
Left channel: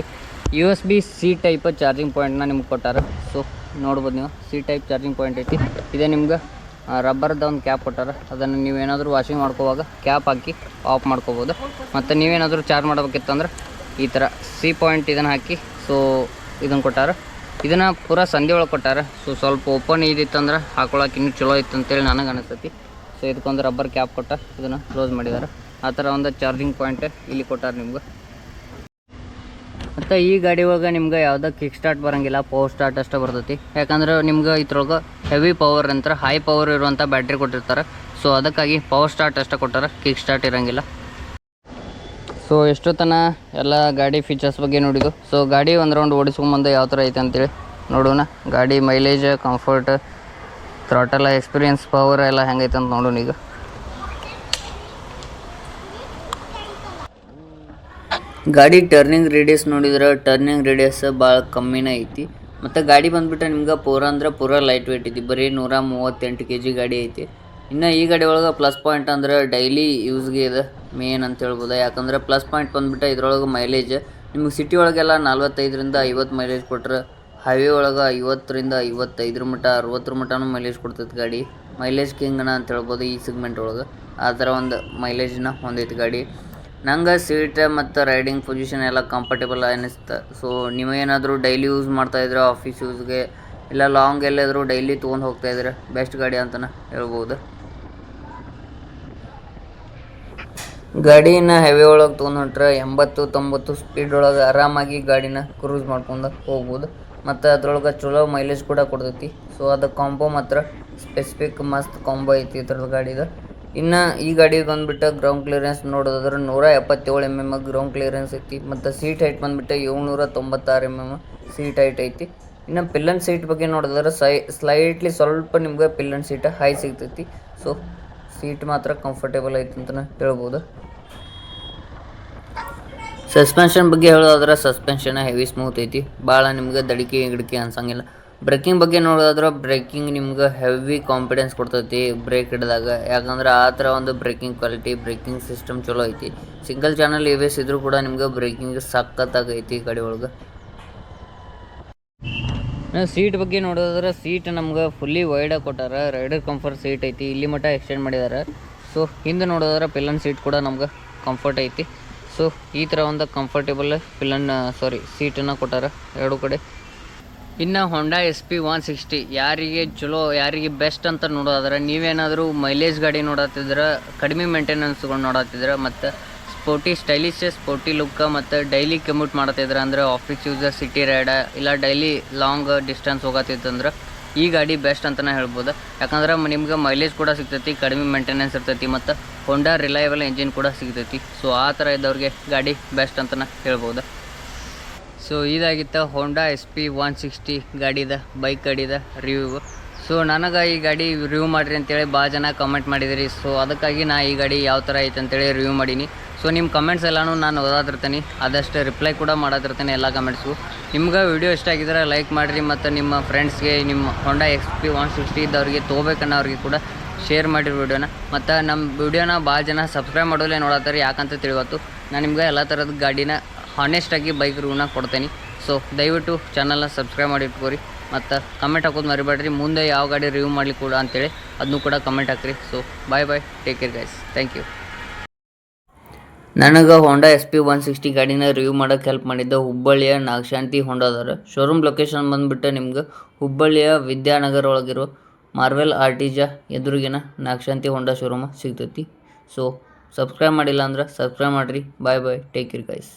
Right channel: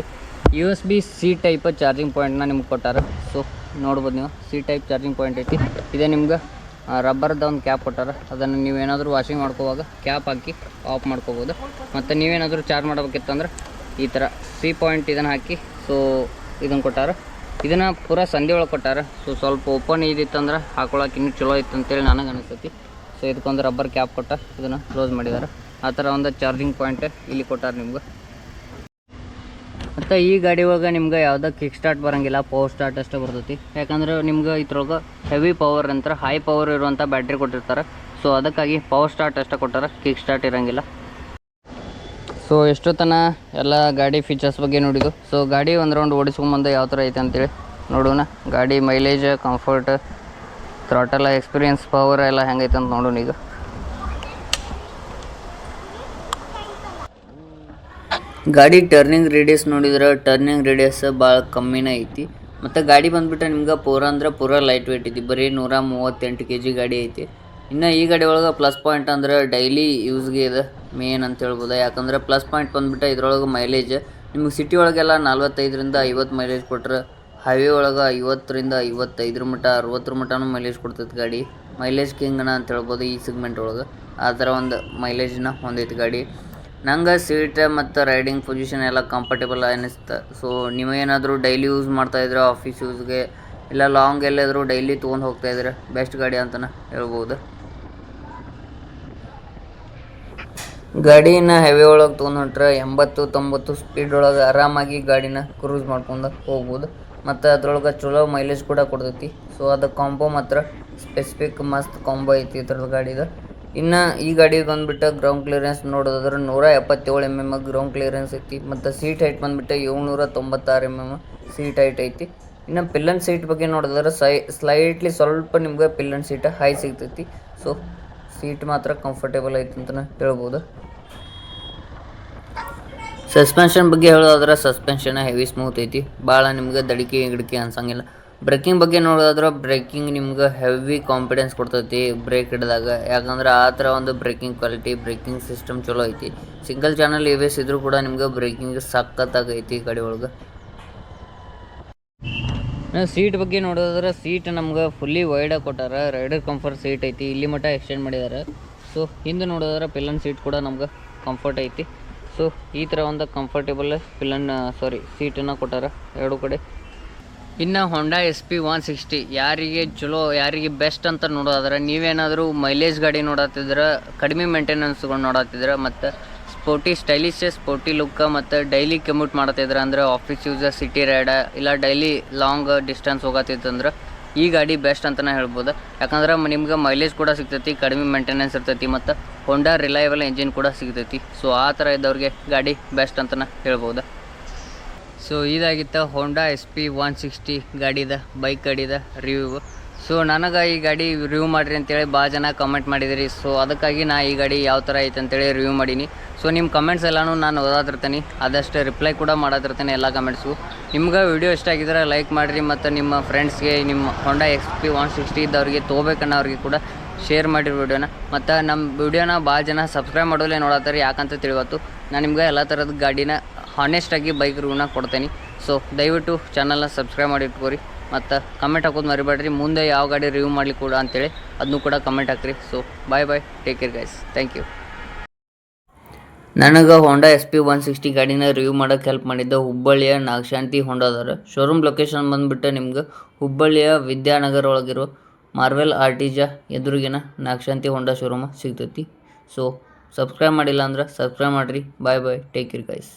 USB-C ಟೈಪ್ ಚಾರ್ಜಿಂಗ್ ಪಾಯಿಂಟ್ನ ನಿಮ್ಗೆ ಕೊಟ್ಟಾರ. ಸೊ ನೋಡ್ಬೋದು ನೀವು C ಟೈಪ್ ಚಾರ್ಜಿಂಗ್ ಪಾಯಿಂಟ್ ಐತಿ. ಇದೇ ನಿಮ್ಗೆ ರಬ್ಬರ್ದ ಒಂದು ಕ್ಯಾಪ್ ಕೊಟ್ಟಾರ. ಅದನ್ನು ನೀವೇನಾದರೂ ವಾಷಿಂಗ್ ಮಾಡ್ಕೋವಾಗ ಕ್ಯಾಪ್ ಹಾಕಿ ಆಫ್ ಮಾಡ್ಕೋಬೋದು. ಮತ್ತು ನೀವೇನಾದರೂ ಚಾರ್ಜ್ ಮಾಡಬೇಕಿತ್ತಂದ್ರೆ ಈ ಥರ C ಪಾಯಿಂಟ್ ಇದನ್ನು ಹಾಕಿ ಸೊ ಇದನ್ನು ಕೊಟ್ಟಾರ. ಇದನ್ನು ಪೂರಾ ಸಂಧಿ ಒಳಗೆ ಕೊಟ್ಟಾರ. ಸೊ ಸ್ವಲ್ಪ ಓಪನ್ ಇದಿತ್ತಂದ್ರೆ ಹಾಕೊಳಕ್ಕೆ ಇನ್ನೂ ಚಲೋ ಇತ್ತು ಅಂತೇಳಿ ನನಗೆ ಅನಿಸ್ತೈತಿ. ಸೊ ಇದಕ್ಕೊಂದು ರಬ್ಬರ್ ಕ್ಯಾಪ್ ಕೊಟ್ಟ ಇದನ್ನು ಕ್ಲೋಸ್ ಮಾಡಿದ್ದಾರೆ. ಆ ಥರ ಒಂದು ಚಾರ್ಜಿಂಗ್ ಪಾಯಿಂಟ್ ಇಲ್ಲಿ ಕೊಟ್ಟಾರ ನಿಮ್ಗೆ. ಮತ್ತು ಈ ಗಾಡಿ ಒಳಗೆ ನಿಮ್ಗೆ ಯಾವುದೋ ಕಿಕ್ ಸ್ಟಾರ್ಟ್ ಬರೋಂಗಿಲ್ಲ, ಪವರ್ ಸ್ಟಾರ್ಟ್ ಅಷ್ಟೇ ಬರ್ತೈತಿ. ಯಾಕಂದ್ರೆ ನಿಮ್ಗೆ ಇದ್ರೊಳಗೆ ಹೆವಿ ಪವರ್ ಅಂತ ಹೈ ಪವರ್ ಇರುವಂಥ ಬ್ಯಾಟ್ರಿ ಕೊಟ್ಟಿರ್ತಾರೆ. ಸೊ ಅದಕ್ಕಾಗಿ ಪವರ್ ಸ್ಟಾರ್ಟ್ ಅಷ್ಟೇ ಕೊಟ್ಟಾರ, ಕಿಕ್ ಸ್ಟಾರ್ಟ್ ಇರೋಂಗಿಲ್ಲ. ಸೊ ಎಷ್ಟು ಎಲ್ಲ ಗಾಡಿ ಫೀಚರ್ಸ್ ಬಗ್ಗೆ ನೋಡಿದ್ದು. ಸೊ ಗಾಡಿ ಒಂದು ರೌಂಡ್ ಓಡಿಸ್ಕೊಂಬಂದು ಯಾವ ಥರ ಐತೆ ಅಂತೇಳಿ ನೋಡೋಣ. ಗಾಡಿ mileage, comfort, throttle experience, power ಎಲ್ಲ ಹೆಂಗೈತೆ ಅಂತ ನೋಡೋಣ ಈಗ. ಗಾಡಿ ಟರ್ನಿಂಗ್ ರೇಡಿಯಸ್ ನೋಡಿದ್ರೆ ಟರ್ನಿಂಗ್ ರೇಡಿಯಸ್ ಭಾಳ ಕಮ್ಮಿನೇ ಐತಿ. ಮತ್ತು ಗಾಡಿ ಬಂದುಬಿಟ್ಟು ನಿಮ್ಗೆ ಪೂರ ಲೈಟ್ ವೇಟ್ ಐತಿ. ಬರೀ 138 kg ಗಾಡಿ ಐತಿ. ಇನ್ನು ಈ ಗಾಡಿ ಒಳಗೆ ಪ್ಲಸ್ ಪಾಯಿಂಟ್ ಅಂದ್ರೆ ಡೈಲಿ ಯೂಸ್ಗೆ ಇದೆ ಮೇನ್ ಅಂತ ಹೇಳ್ಬೋದು. ಯಾಕಂದ್ರೆ ಪ್ಲಸ್ ಪಾಯಿಂಟ್ ಬಂದುಬಿಟ್ಟು ಇದ್ರೊಳಗೆ ಮೈಲೇಜ್ ನಿಮ್ಗೆ ಸಿಟಿ ಒಳಗೆಲ್ಲ 45ರಿಂದ 50 ಮೈಲೇಜ್ ಕೊಟ್ಟರೆ, ಹೈವೇ ಒಳಗೆ 50ರಿಂದ 55 ಮಟ್ಟ 60 ಮಟ್ಟನೂ ಮೈಲೇಜ್ ಕೊಡ್ತೈತೆ ಗಾಡಿ. ಮೈಲೇಜ್ ಕಿಂಗ್ನ ಅಂತ ಹೇಳ್ಬೋದು ಈ ಸೆಗ್ಮೆಂಟ್ ಒಳಗೆ. ಆ ಥರ ಒಂದು ಮೈಲೇಜ್ನ ಹೊಂದೈತಿ ಗಾಡಿ. ನಂಗೆ ಸೀಟ್ ಮತ್ತು ರೈಡಿಂಗ್ ಪೊಸಿಷನ್ ಎಲ್ಲ ಕಂಫರ್ಟೇಬಲ್ ಅನ್ನಿಸ್ತು. ಸೊ ನೀವೇನಾದರೂ ಡೈಲಿ ಯೂಸ್ ಮಾಡ್ತಾಯಿದ್ರೆ, ಆಫೀಸ್ ಯೂಸ್ಗೆ ಇಲ್ಲ ಲಾಂಗ್ ಎಲ್ಲಾದರೂ ಡೈಲಿ ತೊಗೊಂಡು ಹೋಗ್ತಾಯಿದ್ರೆ ಬೆಸ್ಟ್ ಗಾಡಿ ಅಂತಲೇ ಹೇಳ್ಬೋದು. ಗಾಡಿನ ಹೆವಿ ಒಳಗೆ ತೊಗೊಂಡು ಹೊಂಟ್ರೆ 80-90 ಸ್ಪೀಡ್ ಒಳಗೆ ಆರಾಮಾಗಿ ಗಾಡಿನ ಕ್ರೂಸ್ ಮಾಡ್ಕೊಂಡು ಹೋಗ್ಬೋದು. ಮತ್ತು ಅದ್ರೊಳಗೆ ಚಲೋ ಮೈಲೇಜ್ ಕೂಡ ಕೊಡ್ತೈತಿ. ಸೊ ಅದು ಕಾಂಬೋ ಮಾತ್ರ ಸ್ಪೆಸಿಫಿಕ್ ಮಸ್ತ್ ಕಾಂಬೋ ಐತಿ ಇದ್ರದ್ದು ಗಾಡಿದು. ಇನ್ನು ಈ ಗಾಡಿ ಬಂದುಬಿಟ್ಟು ಗ್ರೌಂಡ್ ಕ್ಲಿಯರೆನ್ಸ್ ನೋಡೋದಾದ್ರೆ 177 mm ಗ್ರೌಂಡ್ ಕ್ಲಿಯರೆನ್ಸ್ ಐತಿ. ಮತ್ತು ಸೀಟ್ ಹೈಟ್ ಬಂದುಬಿಟ್ಟು 796 mm ಸೀಟ್ ಹೈಟ್ ಐತಿ. ಇನ್ನು ಪಿಲ್ಲನ್ ಸೀಟ್ ಬಗ್ಗೆ ನೋಡಿದ್ರೆ ಸ್ಲೈಟ್ಲಿ ಸ್ವಲ್ಪ ನಿಮ್ಗೆ ಪಿಲ್ಲನ್ ಸೀಟ್ ಹೈ ಸಿಗ್ತೈತಿ. ಸೊ ಸೀಟ್ ಮಾತ್ರ ಕಂಫರ್ಟೇಬಲ್ ಐತಿ ಅಂತಲೇ ಹೇಳ್ಬೋದು. ಸಸ್ಪೆನ್ಷನ್ ಬಗ್ಗೆ ಹೇಳೋದಾದ್ರೆ ಸಸ್ಪೆನ್ಷನ್ ಹೆವಿ ಸ್ಮೂತ್ ಐತಿ, ಭಾಳ ನಿಮ್ಗೆ ದಡಿಕೆ ಗಿಡಕಿ ಅನ್ಸಂಗಿಲ್ಲ. ಬ್ರೇಕಿಂಗ್ ಬಗ್ಗೆ ನೋಡೋದಾದ್ರೆ ಬ್ರೇಕಿಂಗ್ ನಿಮ್ಗೆ ಹೆವಿ ಕಾನ್ಫಿಡೆನ್ಸ್ ಕೊಡ್ತೈತಿ ಬ್ರೇಕ್ ಹಿಡಿದಾಗ, ಯಾಕಂದ್ರೆ ಆ ಥರ ಒಂದು ಬ್ರೇಕಿಂಗ್ ಕ್ವಾಲಿಟಿ, ಬ್ರೇಕಿಂಗ್ ಸಿಸ್ಟಮ್ ಚಲೋ ಐತಿ. ಸಿಂಗಲ್ ಚಾನಲ್ ABS ಇದ್ರೂ ಕೂಡ ನಿಮ್ಗೆ ಬ್ರೇಕಿಂಗ್ ಸಖತ್ತಾಗೈತಿ ಗಾಡಿ ಒಳಗೆ. ಸೀಟ್ ಬಗ್ಗೆ ನೋಡೋದಾದ್ರೆ ಸೀಟ್ ನಮ್ಗೆ ಫುಲ್ಲಿ ವೈಡಾಗಿ ಕೊಟ್ಟಾರ, ರೈಡರ್ ಕಂಫರ್ಟ್ ಸೀಟ್ ಐತಿ, ಇಲ್ಲಿ ಮಟ್ಟ ಎಕ್ಸ್ಟೆಂಡ್ ಮಾಡಿದ್ದಾರೆ. ಸೊ ಹಿಂದೆ ನೋಡೋದಾದ್ರೆ ಪಿಲ್ಲನ್ ಸೀಟ್ ಕೂಡ ನಮ್ಗೆ ಕಂಫರ್ಟ್ ಐತಿ. ಸೊ ಈ ಥರ ಒಂದು ಕಂಫರ್ಟೇಬಲ್ ಸೀಟನ್ನು ಕೊಟ್ಟಾರ ಎರಡು ಕಡೆ. ಇನ್ನು ಹೊಂಡಾ SP 160 ಯಾರಿಗೆ ಚಲೋ, ಯಾರಿಗೆ ಬೆಸ್ಟ್ ಅಂತ ನೋಡೋದಾದ್ರೆ, ನೀವೇನಾದರೂ ಮೈಲೇಜ್ ಗಾಡಿ ನೋಡತ್ತಿದ್ರೆ, ಕಡಿಮೆ ಮೇಂಟೆನೆನ್ಸ್ಗಳು ನೋಡತ್ತಿದ್ರೆ, ಮತ್ತು ಸ್ಪೋರ್ಟಿ ಲುಕ್ ಮತ್ತು ಡೈಲಿ ಕಮ್ಯೂಟ್ ಮಾಡತ್ತಿದ್ರೆ, ಅಂದರೆ ಆಫೀಸ್ ಯೂಸರ್, ಸಿಟಿ ರೈಡ, ಇಲ್ಲ ಡೈಲಿ ಲಾಂಗ್ ಡಿಸ್ಟೆನ್ಸ್ ಹೋಗತ್ತಿತ್ತಂದ್ರೆ ಈ ಗಾಡಿ ಬೆಸ್ಟ್ ಅಂತಲೇ ಹೇಳ್ಬೋದು. ಯಾಕಂದ್ರೆ ನಿಮ್ಗೆ ಮೈಲೇಜ್ ಕೂಡ ಸಿಗ್ತೈತಿ, ಕಡಿಮೆ ಮೇಂಟೆನೆನ್ಸ್ ಇರ್ತೈತಿ, ಮತ್ತು ಹೊಂಡಾ ರಿಲಯಬಲ್ ಎಂಜಿನ್ ಕೂಡ ಸಿಗ್ತೈತಿ. ಸೊ ಆ ಥರ ಇದ್ದವ್ರಿಗೆ ಗಾಡಿ ಬೆಸ್ಟ್ ಅಂತಲೇ ಹೇಳ್ಬೋದು. ಸೊ ಇದಾಗಿತ್ತು ಹೊಂಡಾ SP 160 ಬೈಕ್ ಗಾಡಿದ ರಿವ್ಯೂ. ಸೊ ನನಗೆ ಈ ಗಾಡಿ ರಿವ್ಯೂ ಮಾಡಿರಿ ಅಂತೇಳಿ ಭಾಳ ಜನ ಕಮೆಂಟ್ ಮಾಡಿದಿರಿ. ಸೊ ಅದಕ್ಕಾಗಿ ನಾ ಈ ಗಾಡಿ ಯಾವ ಥರ ಐತೆ ಅಂತೇಳಿ ರಿವ್ಯೂ ಮಾಡೀನಿ. ಸೊ ನಿಮ್ಮ ಕಮೆಂಟ್ಸ್ ಎಲ್ಲನೂ ನಾನು ಓದಾತಿರ್ತೀನಿ, ಆದಷ್ಟು ರಿಪ್ಲೈ ಕೂಡ ಮಾಡತ್ತಿರ್ತೀನಿ ಎಲ್ಲ ಕಮೆಂಟ್ಸು. ನಿಮ್ಗೆ ವಿಡಿಯೋ ಇಷ್ಟ ಆಗಿದ್ರೆ ಲೈಕ್ ಮಾಡಿರಿ, ಮತ್ತು ನಿಮ್ಮ ಫ್ರೆಂಡ್ಸ್ಗೆ, ನಿಮ್ಮ ಹೊಂಡಾ SP 160 ಇದ್ದವ್ರಿಗೆ ತೊಗೋಬೇಕನ್ನೋರಿಗೆ ಕೂಡ ಶೇರ್ ಮಾಡಿರಿ ವಿಡಿಯೋನ. ಮತ್ತು ನಮ್ಮ ವಿಡಿಯೋನ ಭಾಳ ಜನ ಸಬ್ಸ್ಕ್ರೈಬ್ ಮಾಡೋಲ್ಲೇ ನೋಡತ್ತಾರೆ, ಯಾಕಂತ ತಿಳಿವತ್ತು ನಾನು ನಿಮ್ಗೆ ಎಲ್ಲ ಥರದ ಗಾಡಿನ ಹಾನೆಸ್ಟಾಗಿ ಬೈಕ್ ರಿವ್ಯೂನ ಕೊಡ್ತೀನಿ. ಸೊ ದಯವಿಟ್ಟು ಚಾನಲ್ನ ಸಬ್ಸ್ಕ್ರೈಬ್ ಮಾಡಿ ಇಟ್ಕೋರಿ, ಮತ್ತು ಕಮೆಂಟ್ ಹಾಕೋದು ಮರಿಬೇಡ್ರಿ, ಮುಂದೆ ಯಾವ ಗಾಡಿ ರಿವ್ಯೂ ಮಾಡಲಿ ಕೂಡ ಅಂತೇಳಿ ಅದನ್ನು ಕೂಡ ಕಮೆಂಟ್ ಹಾಕ್ರಿ. So bye, take care guys, thank you. ನನಗೆ ಹೊಂಡಾ SP 160 ಗಾಡಿನ ರಿವ್ಯೂ ಮಾಡೋಕ್ಕೆ ಹೆಲ್ಪ್ ಮಾಡಿದ್ದ ಹುಬ್ಬಳ್ಳಿಯ ನಾಗಶಾಂತಿ ಹೊಂಡಾದವ್ರು. ಶೋರೂಮ್ ಲೊಕೇಶನ್ ಬಂದುಬಿಟ್ಟು ನಿಮ್ಗೆ ಹುಬ್ಬಳ್ಳಿಯ ವಿದ್ಯಾನಗರ ಒಳಗಿರೋ ಮಾರ್ವೆಲ್ ಆರ್ಟಿಜಾ ಎದುರಿಗಿನ ನಾಗಶಾಂತಿ ಹೊಂಡಾ ಶೋರೂಮ ಸಿಗ್ತೈತಿ. ಸೊ ಸಬ್ಸ್ಕ್ರೈಬ್ ಮಾಡಿಲ್ಲ ಅಂದ್ರೆ ಸಬ್ಸ್ಕ್ರೈಬ್ ಮಾಡಿರಿ. ಬಾಯ್, ಟೇಕ್ ಕೇರ್ ಗೈಸ್.